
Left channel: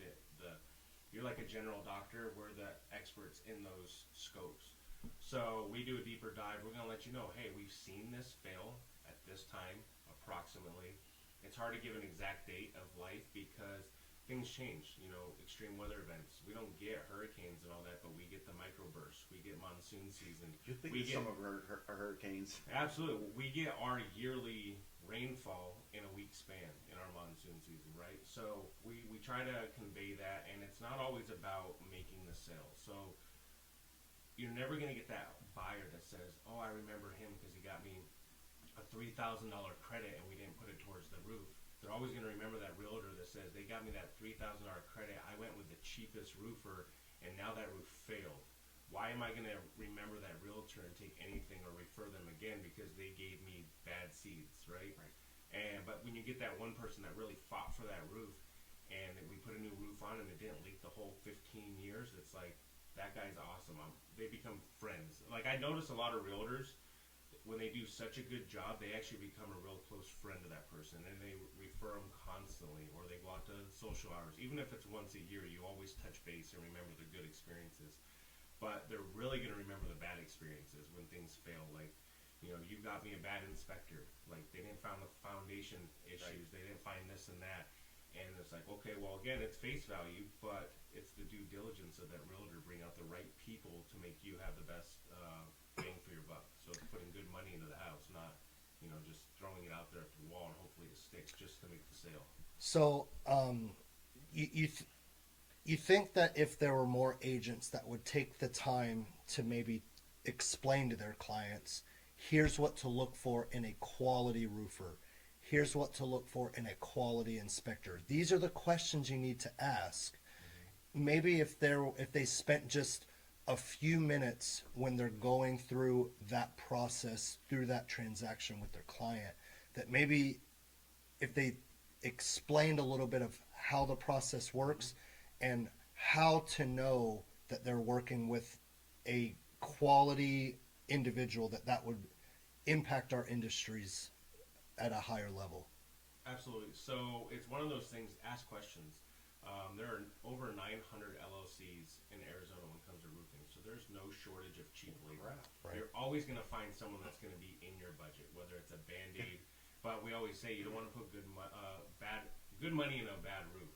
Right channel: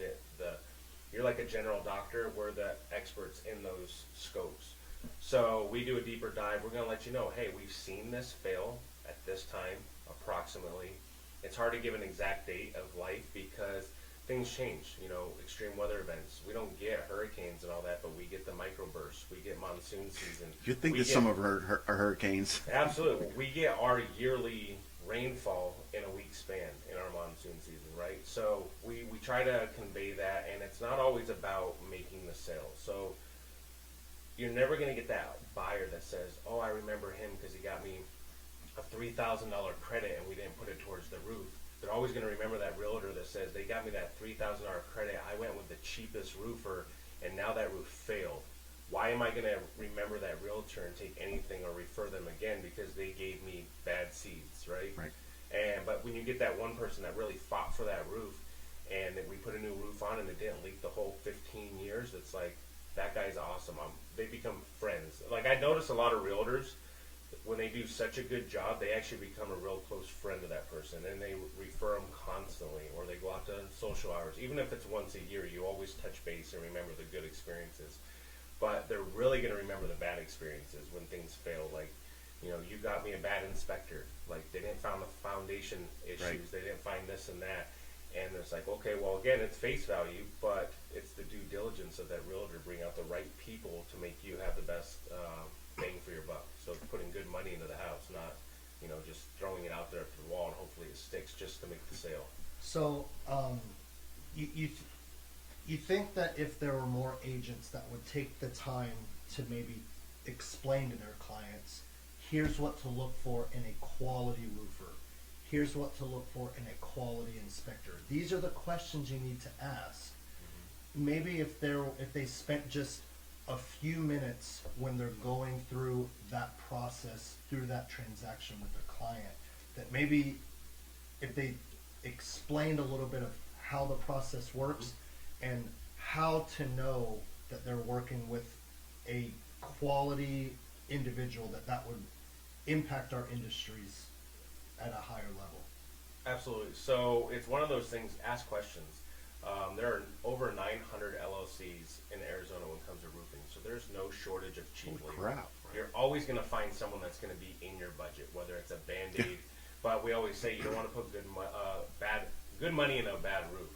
you're like a general doctor. We're the experts in those scopes. So we do a deeper dive. We're going to let you know, hey, we've seen this fail at this time, approximately. It's hard to give an exact date of life because things change, extreme weather events. We don't get hurricanes and all that, but we get the microbursts. We get monsoon season. You'd think that some of our hurricanes. Absolutely. We get our yearly rainfall in a week span in our monsoon season, right? So we try to convey that, and it's not always about making the sale. So you're never going to get that buyer that says, oh, I remember him because he got me a $3,000 credit and we didn't put it towards the roof. They're always going to remember that realtor that says, they got me that $3,000 credit, I went with the cheapest roofer, and now that roof failed. Why am I going to remember that realtor and take anything or refer them again because they gave me bad seeds, right? Right. But when you get that one person that really fought for that roof, and we put a new roof on and it didn't leak the whole 15 years, it's like, that guy's awesome. They become friends. Like I notice a lot of realtors, when they do such a good job, they actually become a real close friend to that person, and they refer them constantly, or they go out to social hours. Even if it's once a year, you always touch base and remember the good experiences. But they're really going to remember the bad experiences when things fail. Like, you got me a bad inspector. Like, they didn't find the foundation issues. Right. They didn't find this and that. And it's like, okay, well, again, it's face value, but it's the due diligence of that realtor, bring out the right people to make you have the best bang for your buck. So putting good money into the house, not, just throwing it out there up to the wall and hopefully it sticks just to make the sale. So, you think that if there were more agents that would take the time to maybe explain to their clients, here's what to look for in a quality roofer, here's what to look for in a quality inspector. These are the questions you need to ask. Mm-hmm. Maybe if they spent just a few minutes when they're going through that process, through that transaction with their client, that maybe if they explained a little bit of how the process works and how to know that they're working with a quality individual, that would impact our industries at a higher level. Absolutely. So it's one of those things, ask questions. There are over 900 LLCs in Arizona when it comes to roofing, so there's no shortage of cheap labor. Crap. You're always going to find someone that's going to be in your budget, whether it's a Band-Aid, but we always say you don't want to put good money in a bad roof.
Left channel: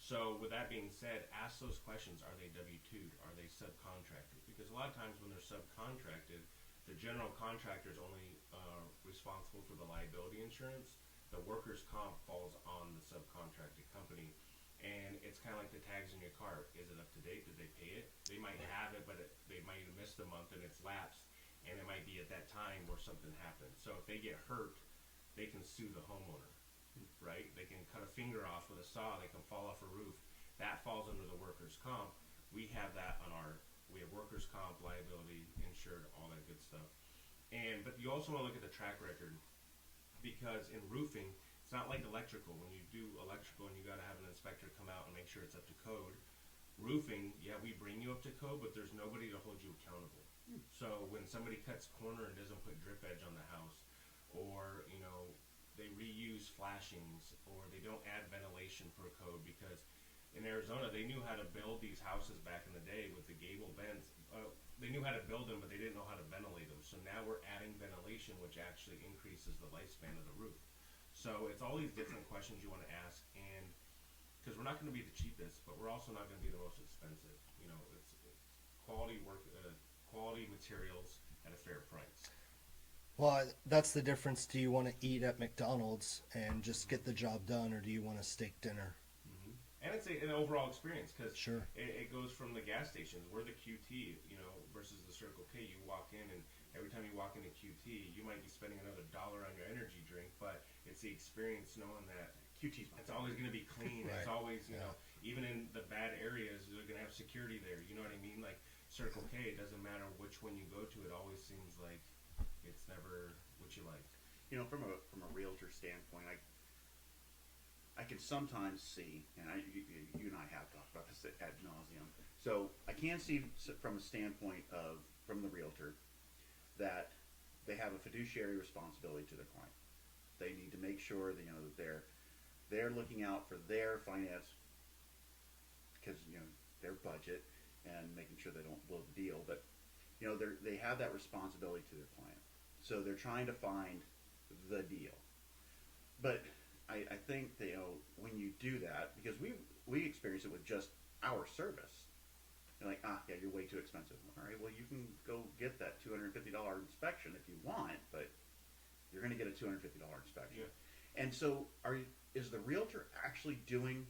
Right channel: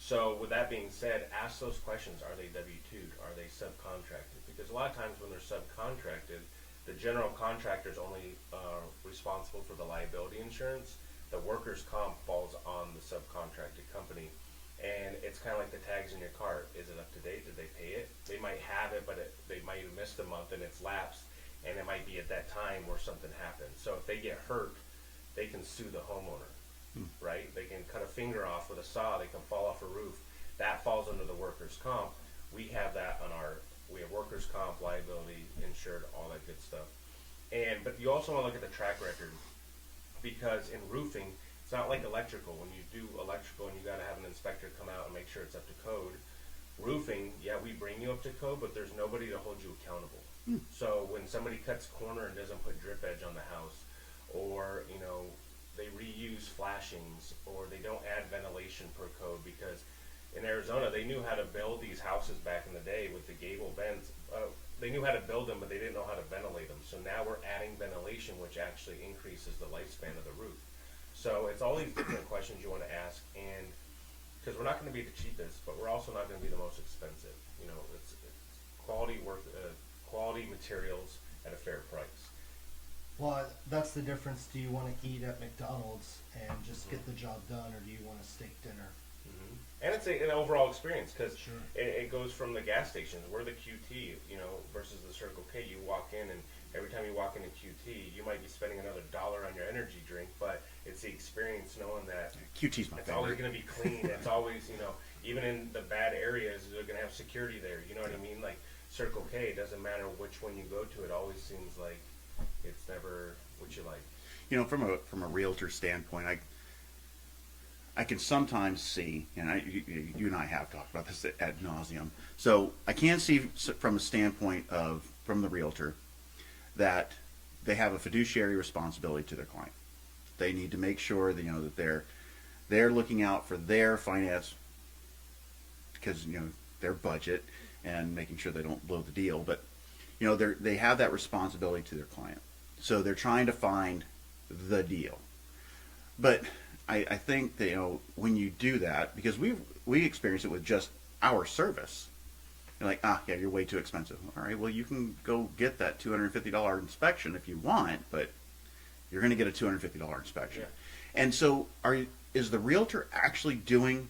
So with that being said, ask those questions. Are they W-2'd? Are they subcontracted? Because a lot of times when they're subcontracted, the general contractor is only responsible for the liability insurance. The workers' comp falls on the subcontracted company. And it's kind of like the tags in your car. Is it up to date? Did they pay it? They might have it, but they might have missed a month and it's lapsed. And it might be at that time where something happened. So if they get hurt, they can sue the homeowner, right? They can cut a finger off with a saw. They can fall off a roof. That falls under the workers' comp. We have that we have workers' comp, liability, insured, all that good stuff. But you also want to look at the track record, because in roofing, it's not like electrical. When you do electrical and you got to have an inspector come out and make sure it's up to code. Roofing, yeah, we bring you up to code, but there's nobody to hold you accountable. So when somebody cuts corner and doesn't put drip edge on the house, or they reuse flashings, or they don't add ventilation per code, because in Arizona they knew how to build these houses back in the day with the gable vents. They knew how to build them, but they didn't know how to ventilate them. So now we're adding ventilation, which actually increases the lifespan of the roof. So it's all these different questions you want to ask, and because we're not going to be the cheapest, but we're also not going to be the most expensive. It's quality work, quality materials at a fair price. Well, that's the difference. Do you want to eat at McDonald's and just get the job done, or do you want a steak dinner? And it's an overall experience, because Sure. it goes from the gas stations. We're the QT, versus the Circle K. You walk in, and every time you walk into QT, you might be spending another $1 on your energy drink, but it's the experience knowing that QT's my it's always favorite. going to be clean. It's always, even in the bad areas, they're going to have security there. You know what I mean? Like Circle K, it doesn't matter which one you go to. It always seems like it's never what you like. From a realtor standpoint, I can sometimes see, and you and I have talked about this ad nauseum. So I can see from a standpoint from the realtor that they have a fiduciary responsibility to their client. They need to make sure that that they're looking out for their finance, because their budget, and making sure they don't blow the deal. But they have that responsibility to their client. So they're trying to find the deal. But I think that when you do that, because we experience it with just our service. You're like, yeah, you're way too expensive. All right, well, you can go get that $250 inspection if you want, but you're going to get a $250 inspection. Yeah. And so is the realtor actually doing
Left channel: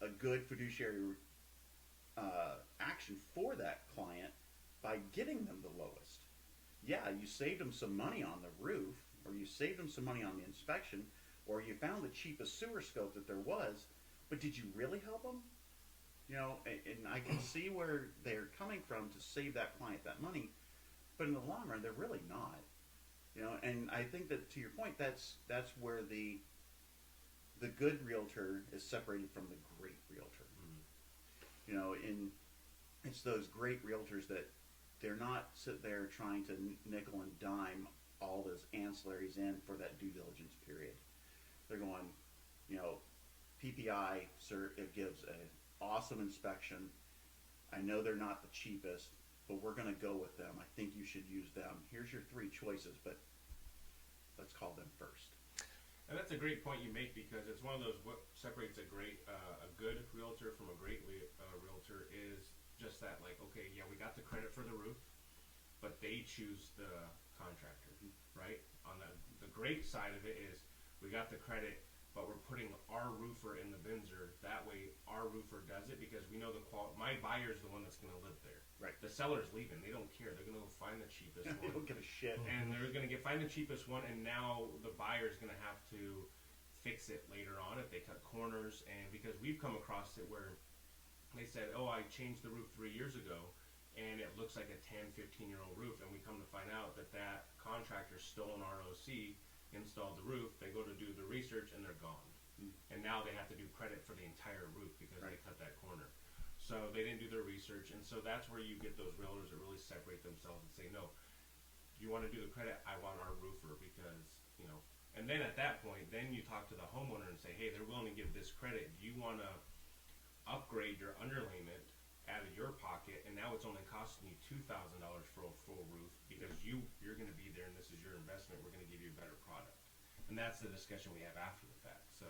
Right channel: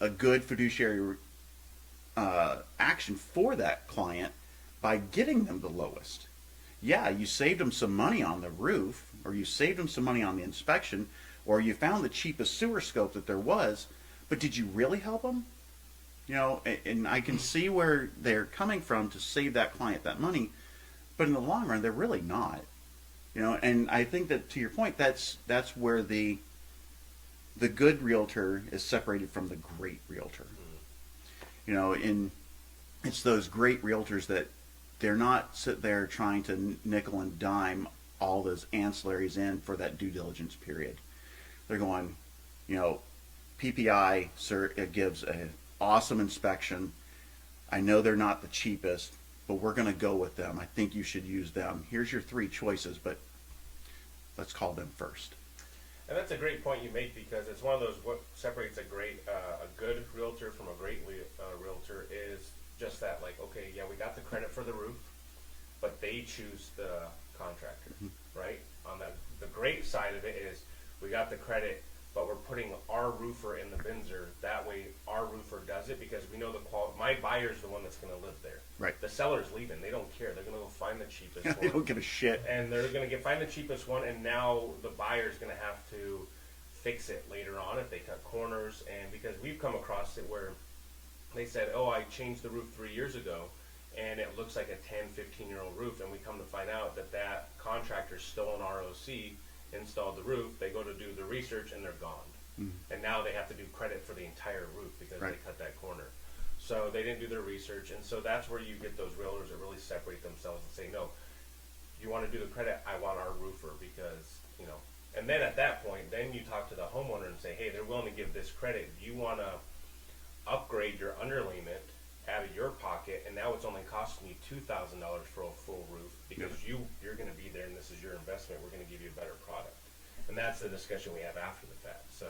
a good fiduciary action for that client by getting them the lowest? Yeah, you saved them some money on the roof, or you saved them some money on the inspection, or you found the cheapest sewer scope that there was, but did you really help them? And I can see where they're coming from to save that client that money, but in the long run, they're really not. And I think that, to your point, that's where the good realtor is separated from the great realtor. it's those great realtors that they're not sitting there trying to nickel and dime all those ancillaries in for that due diligence period. They're going, you know, PPI, sir, it gives an awesome inspection. I know they're not the cheapest, but we're going to go with them. I think you should use them. Here's your 3 choices, but let's call them first. And that's a great point you make, because it's one of those, what separates a good realtor from a great realtor is just that, like, okay, yeah, we got the credit for the roof, but they choose the contractor, right? On the great side of it is we got the credit, but we're putting our roofer in the Binzer. That way our roofer does it, because we know the quality. My buyer's the one that's going to live there. Right. The seller's leaving. They don't care. They're going to go find the cheapest one. They don't give a shit. And they're going to find the cheapest one, and now the buyer's going to have to fix it later on if they cut corners. And because we've come across it where they said, oh, I changed the roof 3 years ago, and it looks like a 10, 15-year-old roof, and we come to find out that that contractor stole an ROC, installed the roof, they go to do the research, and they're gone. And now they have to do credit for the entire roof because Right. they cut that corner. So they didn't do their research, and so that's where you get those realtors that really separate themselves and say, no, you want to do the credit, I want our roofer, because, you know. And then at that point, then you talk to the homeowner and say, hey, they're willing to give this credit. Do you want to upgrade your underlayment out of your pocket, and now it's only costing you $2,000 for a full roof because you're going to be there and this is your investment. We're going to give you a better product. And that's the discussion we have after the fact. So,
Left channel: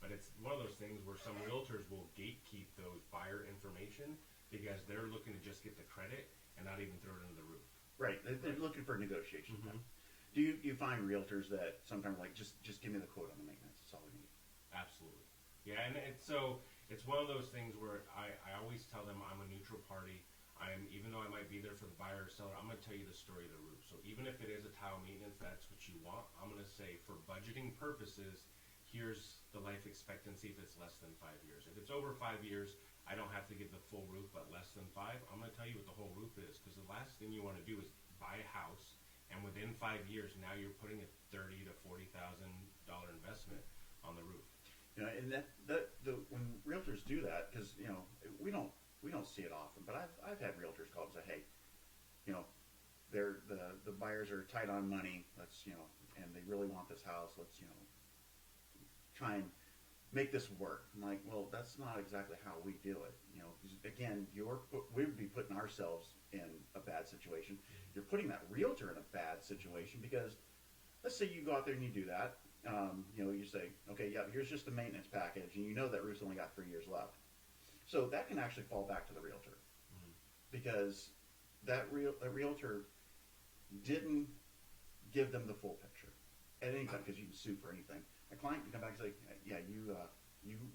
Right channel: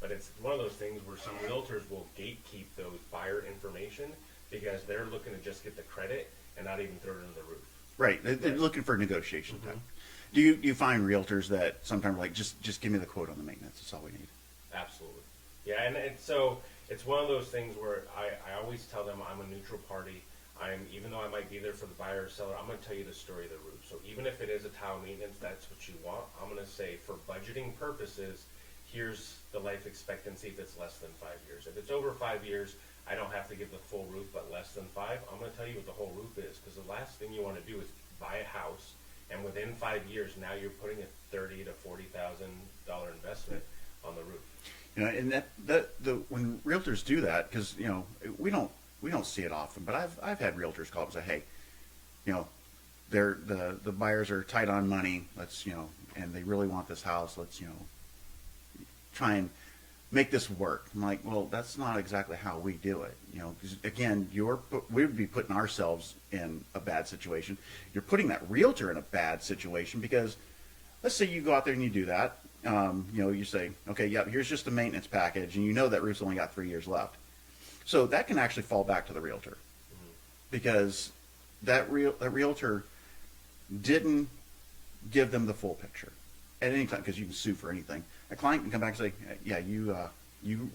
but it's one of those things where some realtors will gatekeep those buyer information because they're looking to just get the credit and not even throw it into the roof. Right. They're looking for negotiation time. Do you find realtors that sometimes like just give me the quote on the maintenance? That's all we need. Absolutely. Yeah, and so it's one of those things where I always tell them I'm a neutral party. Even though I might be there for the buyer or seller, I'm going to tell you the story of the roof. So even if it is a tile maintenance, that's what you want. I'm going to say for budgeting purposes, here's the life expectancy if it's less than 5 years. If it's over 5 years, I don't have to give the full roof, but less than 5, I'm going to tell you what the whole roof is, because the last thing you want to do is buy a house, and within 5 years, now you're putting a $30,000 to $40,000 investment on the roof. You know, and when realtors do that, because you know we don't see it often, but I've had realtors call up and say, hey, you know, the buyers are tight on money. Let's, you know, and they really want this house. Let's, you know, try and make this work. I'm like, well, that's not exactly how we do it. You know, 'cause again, we would be putting ourselves in a bad situation. You're putting that realtor in a bad situation because let's say you go out there and you do that. You know, you say, okay, yeah, here's just a maintenance package, and you know that roof's only got 3 years left. So that can actually fall back to the realtor because that realtor didn't give them the full picture at any time, because you can sue for anything. A client can come back and say, yeah, you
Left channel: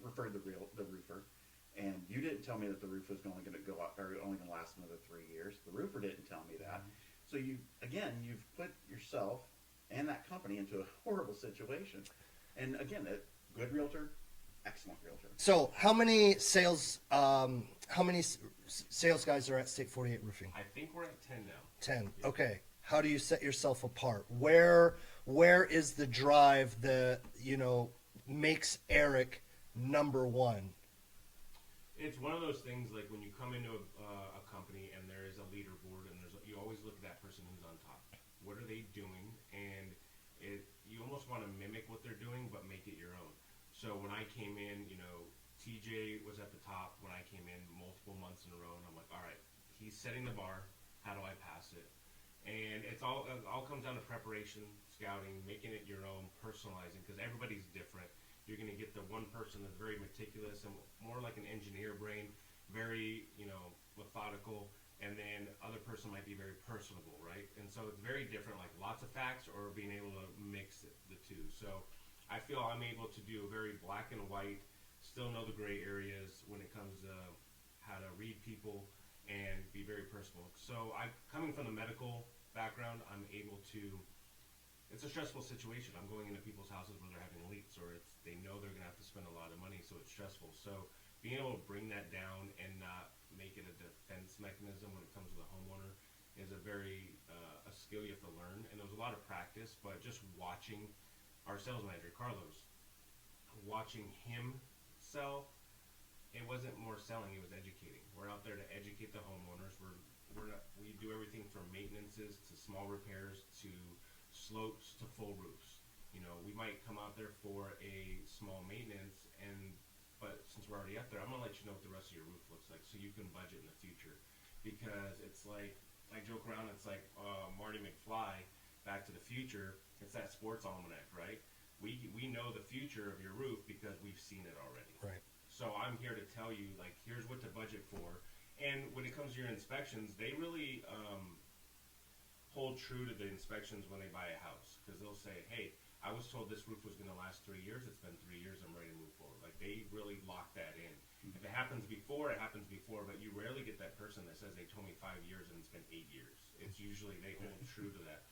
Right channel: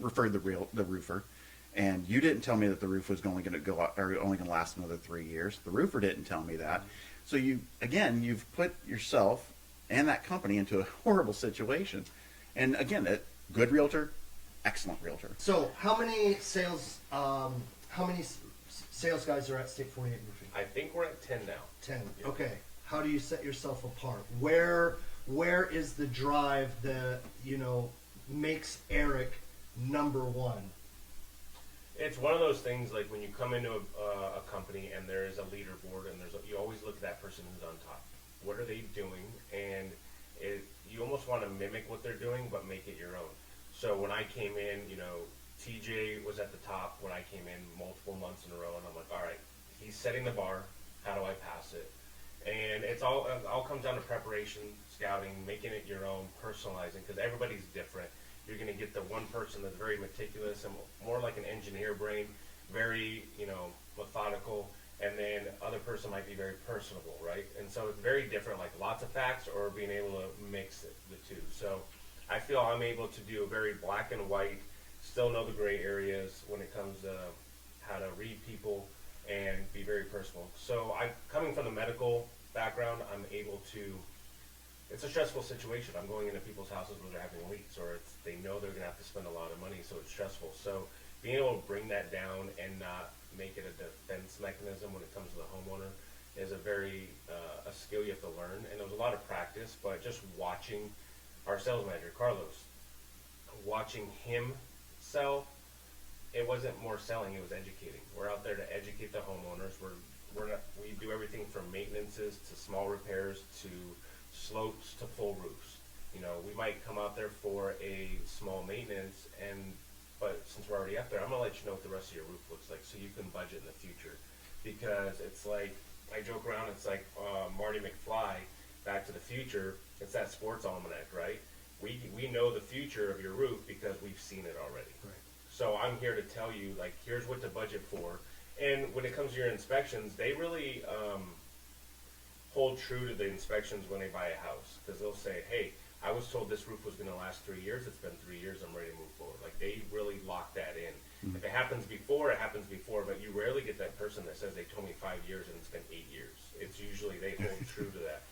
referred the roofer, and you didn't tell me that the roof was only going to go out, or only going to last another 3 years. The roofer didn't tell me that. So you've put yourself and that company into a horrible situation. And again, a good realtor, excellent realtor. So how many sales guys are at State 48 Roofing? I think we're at 10 now. 10. Yeah. Okay. How do you set yourself apart? Where is the drive that, you know, makes Eric number one? It's one of those things like when you come into a company and there is a leaderboard and you always look at that person who's on top. What are they doing? And you almost want to mimic what they're doing, but make it your own. So when I came in, you know, TJ was at the top when I came in multiple months in a row, and I'm like, all right, he's setting the bar. How do I pass it? And it all comes down to preparation, scouting, making it your own, personalizing, because everybody's different. You're going to get the one person that's very meticulous and more like an engineer brain, very, you know, methodical, and then other person might be very personable, right? And so it's very different, like lots of facts or being able to mix the two. So I feel I'm able to do a very black and white, still know the gray areas when it comes to how to read people and be very personal. So coming from the medical background, I'm able to, it's a stressful situation. I'm going into people's houses where they're having leaks, or they know they're going to have to spend a lot of money, so it's stressful. So being able to bring that down and not make it a defense mechanism when it comes to the homeowner is a skill you have to learn. And there's a lot of practice, but just watching our sales manager, Carlos, watching him sell it wasn't more selling, it was educating. We're out there to educate the homeowners. We do everything from maintenances to small repairs to slopes to full roofs. We might come out there for a small maintenance, but since we're already up there, I'm gonna let you know what the rest of your roof looks like so you can budget in the future. Because it's like, I joke around, it's like Marty McFly, Back to the Future. It's that sports almanac, right? We know the future of your roof because we've seen it already. Right. So I'm here to tell you, like, here's what to budget for. And when it comes to your inspections, they really hold true to the inspections when they buy a house. Because they'll say, hey, I was told this roof was going to last 3 years. It's been 3 years. I'm ready to move forward. Like, they really lock that in. Mm-hmm. If it happens before, it happens before. But you rarely get that person that says they told me 5 years and it's been 8 years. It's usually they hold true to that.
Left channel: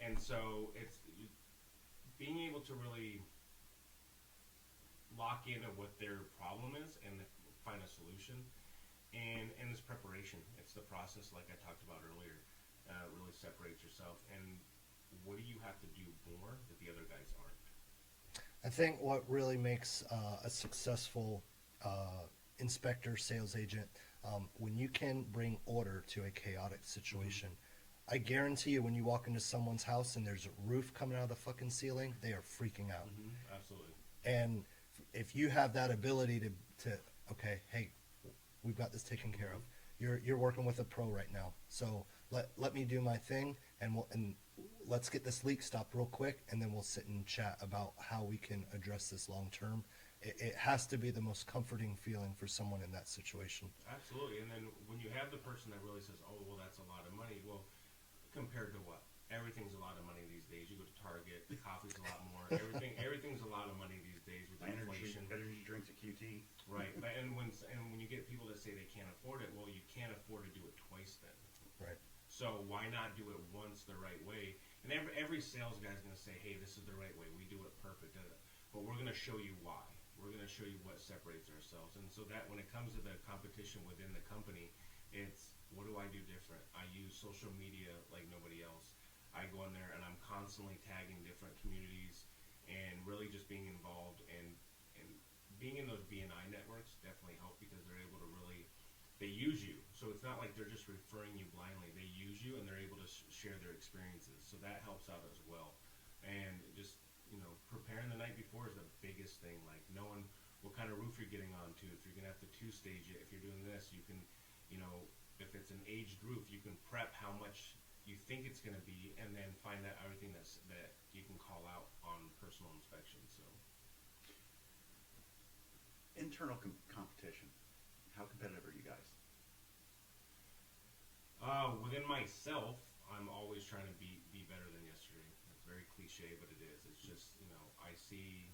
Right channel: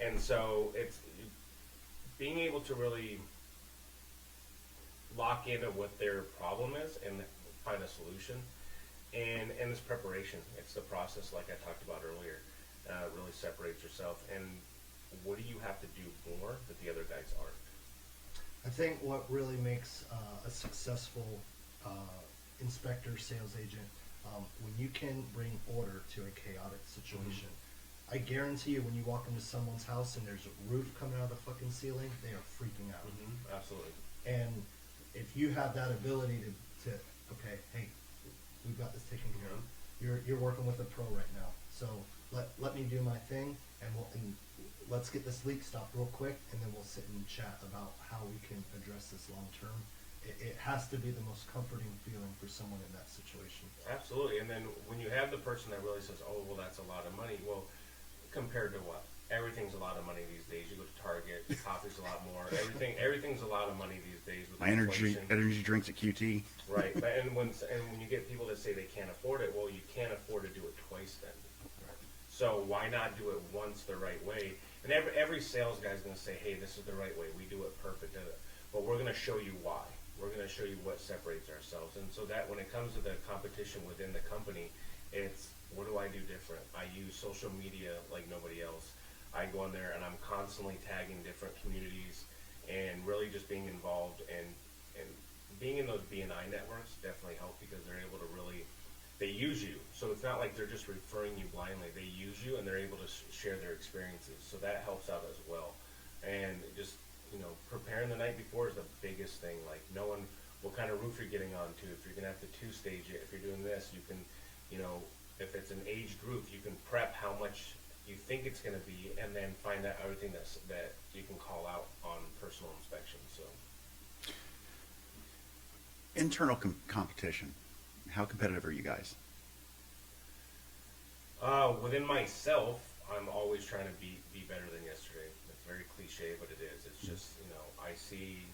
And so it's being able to really lock into what their problem is and find a solution. And this preparation, it's the process like I talked about earlier. Really separates yourself. And what do you have to do more that the other guys aren't? I think what really makes a successful inspector, sales agent, when you can bring order to a chaotic situation. I guarantee you when you walk into someone's house and there's a roof coming out of the fucking ceiling, they are freaking out. Absolutely. And if you have that ability to okay, hey, we've got this taken care of. You're working with a pro right now, so let me do my thing, and let's get this leak stopped real quick, and then we'll sit and chat about how we can address this long term. It has to be the most comforting feeling for someone in that situation. Absolutely. And then when you have the person that really says, oh, well, that's a lot of money. Well, compared to what? Everything's a lot of money these days. You go to Target, coffee's a lot more. Everything's a lot of money these days with My energy inflation. drinks at QT. Right. And when you get people that say they can't afford it, well, you can't afford to do it twice then. Right. So why not do it once the right way? And every sales guy's going to say, hey, this is the right way. We do it perfect. But we're going to show you why. We're going to show you what separates ourselves. And so that when it comes to the competition within the company, it's what do I do different? I use social media like nobody else. I go in there and I'm constantly tagging different communities and really just being involved and being in those BNI networks definitely help because they're able to really, they use you. So it's not like they're just referring you blindly. They use you and they're able to share their experiences. So that helps out as well. And just, preparing the night before is the biggest thing. Like knowing what kind of roof you're getting onto. If you're going to have to two-stage it, if you're doing this, you can, if it's an aged roof, you can prep how much you think it's going to be and then find out everything that you can call out on personal inspection. So Internal competition. How competitive are you guys? Within myself, I'm always trying to be better than yesterday. It's very cliche, but it is. It's just, I see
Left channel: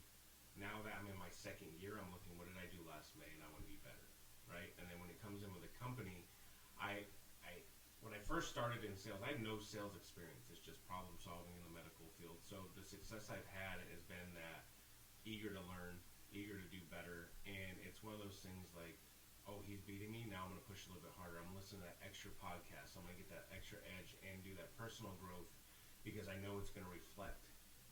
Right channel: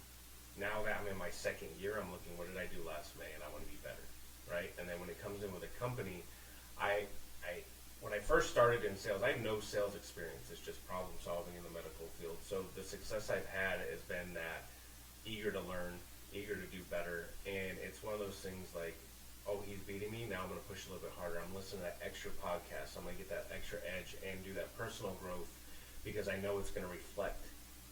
now that I'm in my second year, I'm looking, what did I do last May? And I want to be better, right? And then when it comes in with a company, when I first started in sales, I have no sales experience. It's just problem solving in the medical field. So the success I've had has been that eager to learn, eager to do better. And it's one of those things like, oh, he's beating me. Now I'm going to push a little bit harder. I'm listening to that extra podcast. I'm going to get that extra edge and do that personal growth because I know it's going to reflect.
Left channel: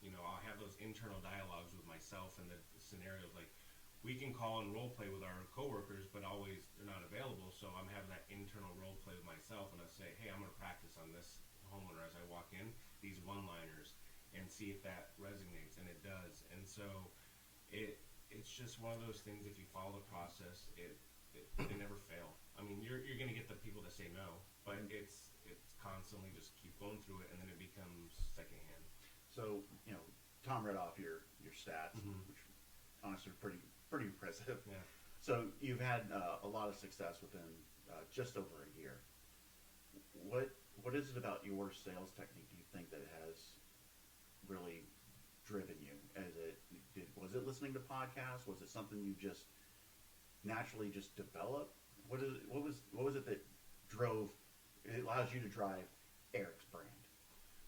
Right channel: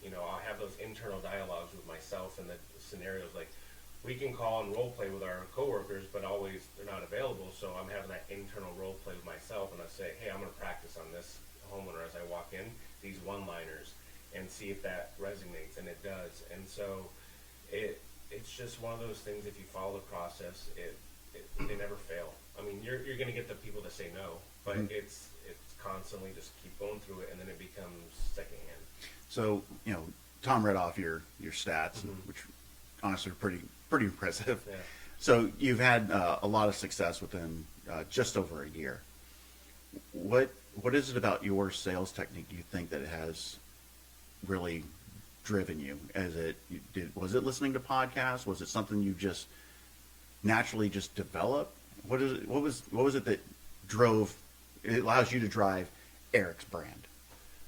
I'll have those internal dialogues with myself and the scenarios like we can call and role play with our coworkers, but always they're not available. So I'm having that internal role play with myself and I say, hey, I'm going to practice on this homeowner as I walk in, these one-liners and see if that resonates. And it does. And so it's just one of those things. If you follow the process, they never fail. I mean, you're going to get the people that say no, but it's constantly just keep going through it, and then it becomes secondhand. So, Tom read off your stats, which honestly are pretty impressive. Yeah. So you've had a lot of success within just over a year. What is it about your sales technique you think that has really driven you? Was it listening to podcasts? Was it something you just naturally just developed? What was it that it allows you to drive Eric's brand?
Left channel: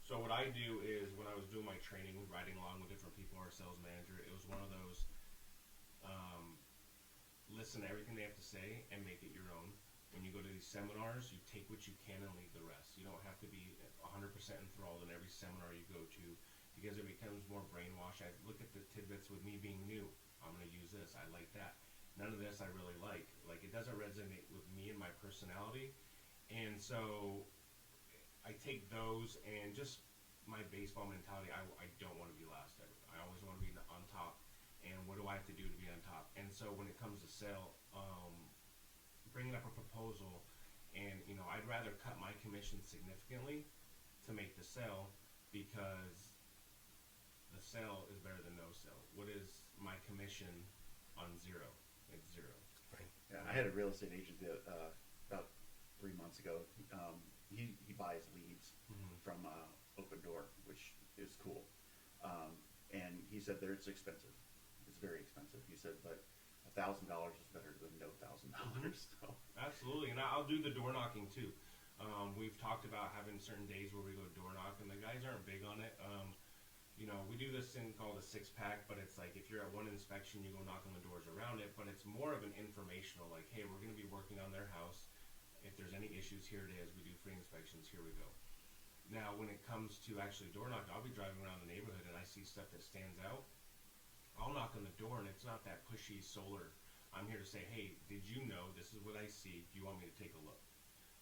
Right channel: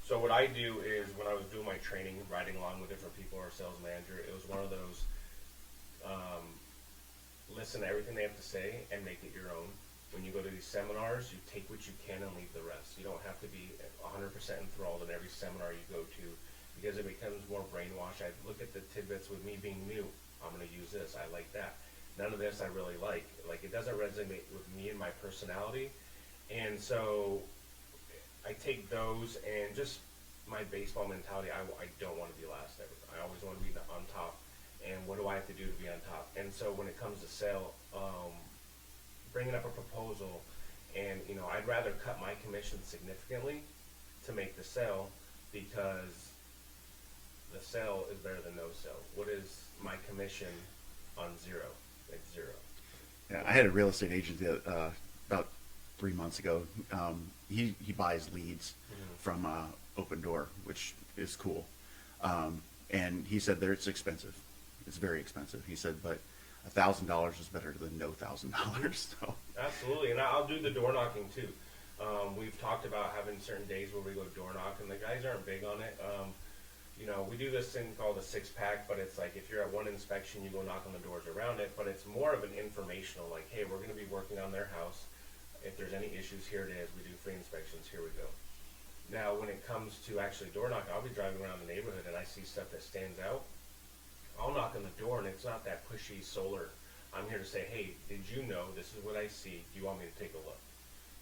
So what I do is when I was doing my training, riding along with different people, our sales manager, it was one of those listen to everything they have to say and make it your own. When you go to these seminars, you take what you can and leave the rest. You don't have to be 100% enthralled in every seminar you go to because it becomes more brainwash. I look at the tidbits with me being new. I'm going to use this. I like that. none of this I really like. Like, it doesn't resonate with me and my personality. And so I take those and just my baseball mentality. I don't want to be last ever. I always want to be on top. And what do I have to do to be on top? And so when it comes to sale, bringing up a proposal, and I'd rather cut my commission significantly to make the sale, because the sale is better than no sale. What is my commission on zero? Like zero. Yeah, I had a real estate agent about 3 months ago. He buys leads from Open Door, which is cool. And he said that it's expensive. It's very expensive. He said, but $1,000 is better than no $1,000. So. Absolutely, and I'll do the door knocking too. We've talked about having certain days where we go door knock, and the guys aren't big on it. We do this thing called a 6-pack, but it's like if you're at one inspection, you go knock on the doors around it, but it's more of an informational, like, hey, we're going to be working on their house. If there's any issues, here it is. We do free inspections. Here we go. Now, when it comes to actually door knocking, I'll be driving around the neighborhood and I see stuff that stands out. I'll knock on the door, and it's not that pushy solar. I'm here to say, hey, did you know this is what I see? Do you want me to take a look?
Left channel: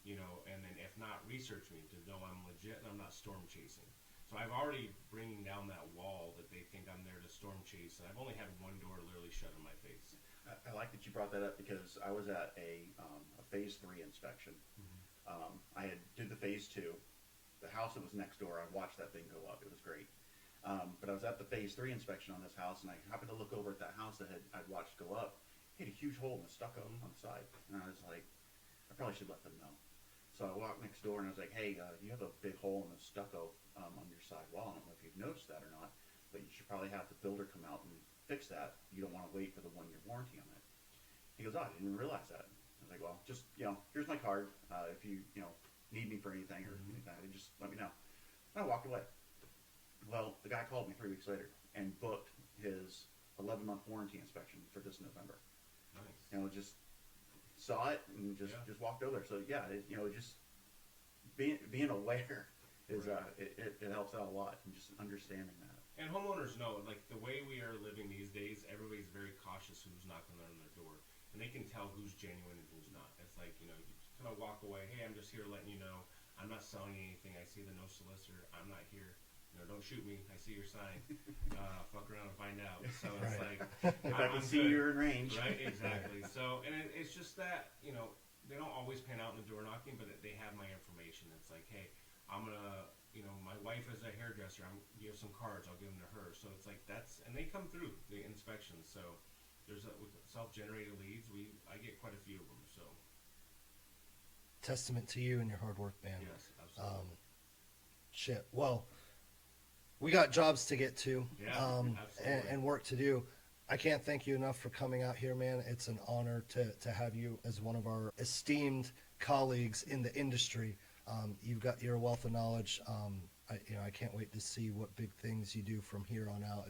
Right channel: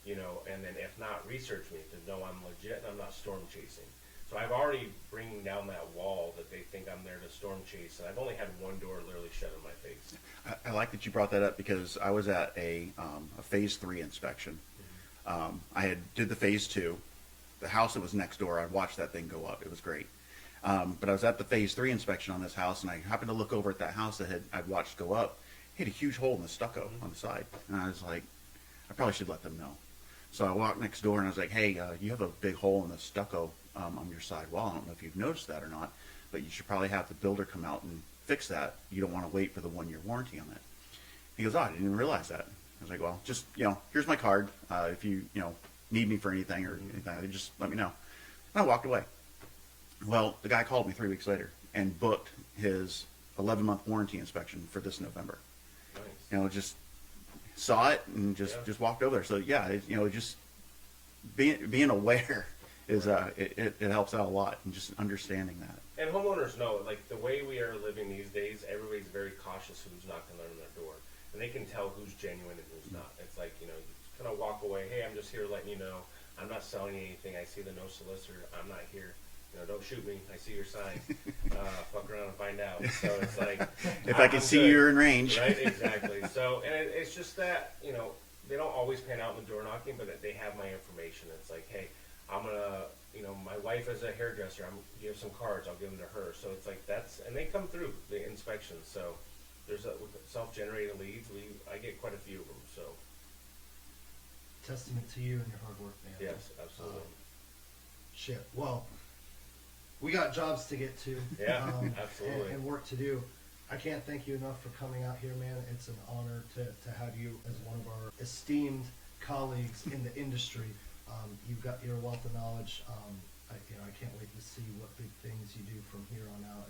And then if not, research me to know I'm legit and I'm not storm chasing. So I've already bringing down that wall that they think I'm there to storm chase, and I've only had one door literally shut in my face. I like that you brought that up, because I was at a phase 3 inspection. I did the phase 2. The house that was next door, I watched that thing go up. It was great. But I was at the phase 3 inspection on this house, and I happened to look over at that house that I'd watched go up. It had a huge hole in the stucco on the side, and I was like, I probably should let them know. So I walked next door and I was like, hey, you have a big hole in the stucco on your side wall. I don't know if you've noticed that or not, but you should probably have the builder come out and fix that. You don't want to wait for the 1-year warranty on that. He goes, oh, I didn't even realize that. I was like, well, just, here's my card. If you, need me for anything or anything, just let me know. And I walked away. Well, the guy called me 3 weeks later and booked his 11-month warranty inspection for this November. Nice. Just saw it and just walked over there. So yeah, just being aware is it helps out a lot, and just understanding that. And homeowners know, like, the way we are living these days, everybody's very cautious who's knocking on their door, and they can tell who's genuine and who's not. It's like, you just kind of walk away. Hey, I'm just here letting you know. I'm not selling anything. I see the no solicitor. I'm not here. Don't shoot me. I see your sign. Fuck around and find out. So it's like, if I can see good. you're in range. Right, exactly. So, and it's just that, they don't always pan out in the door knocking, but they have my information. It's like, hey, I'm going to, my wife is a hairdresser. You have some cards. I'll give them to her. So it's like and they come through the inspections. So there's with self-generated leads. I get quite a few of them. So. Testament to you and your hard work, man. Yes, absolutely. Shit. Well, we got jobs to get to. Yeah, absolutely. And work to do. I can't thank you enough for coming out here, man. It's an honor to have you as one of our esteemed colleagues in the industry. You've got your wealth of knowledge. I can't wait to see what big things you do from here on out.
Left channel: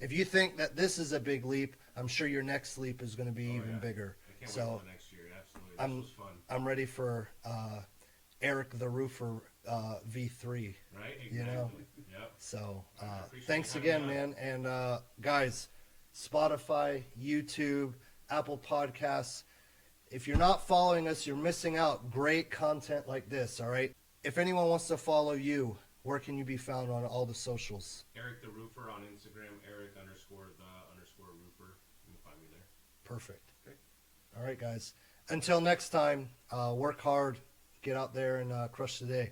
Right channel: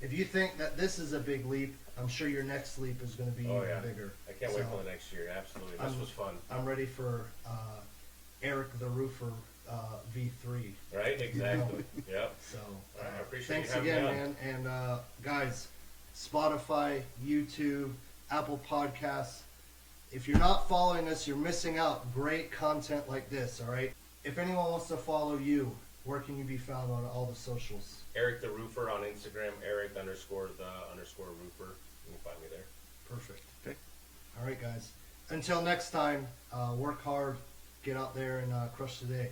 If you think that this is a big leap, I'm sure your next leap is going to be even bigger. I can't wait till the next year. Absolutely, this was fun. I'm ready for Eric the Roofer V3. Right, exactly. Yep. So appreciate thanks you having again, me man. And guys, Spotify, YouTube, Apple Podcasts. If you're not following us, you're missing out. Great content like this, all right? If anyone wants to follow you, where can you be found on all the socials? Eric the Roofer on Instagram, Eric_the_roofer. You can find me there. Perfect. Okay. All right, guys. Until next time, work hard, get out there and crush the day.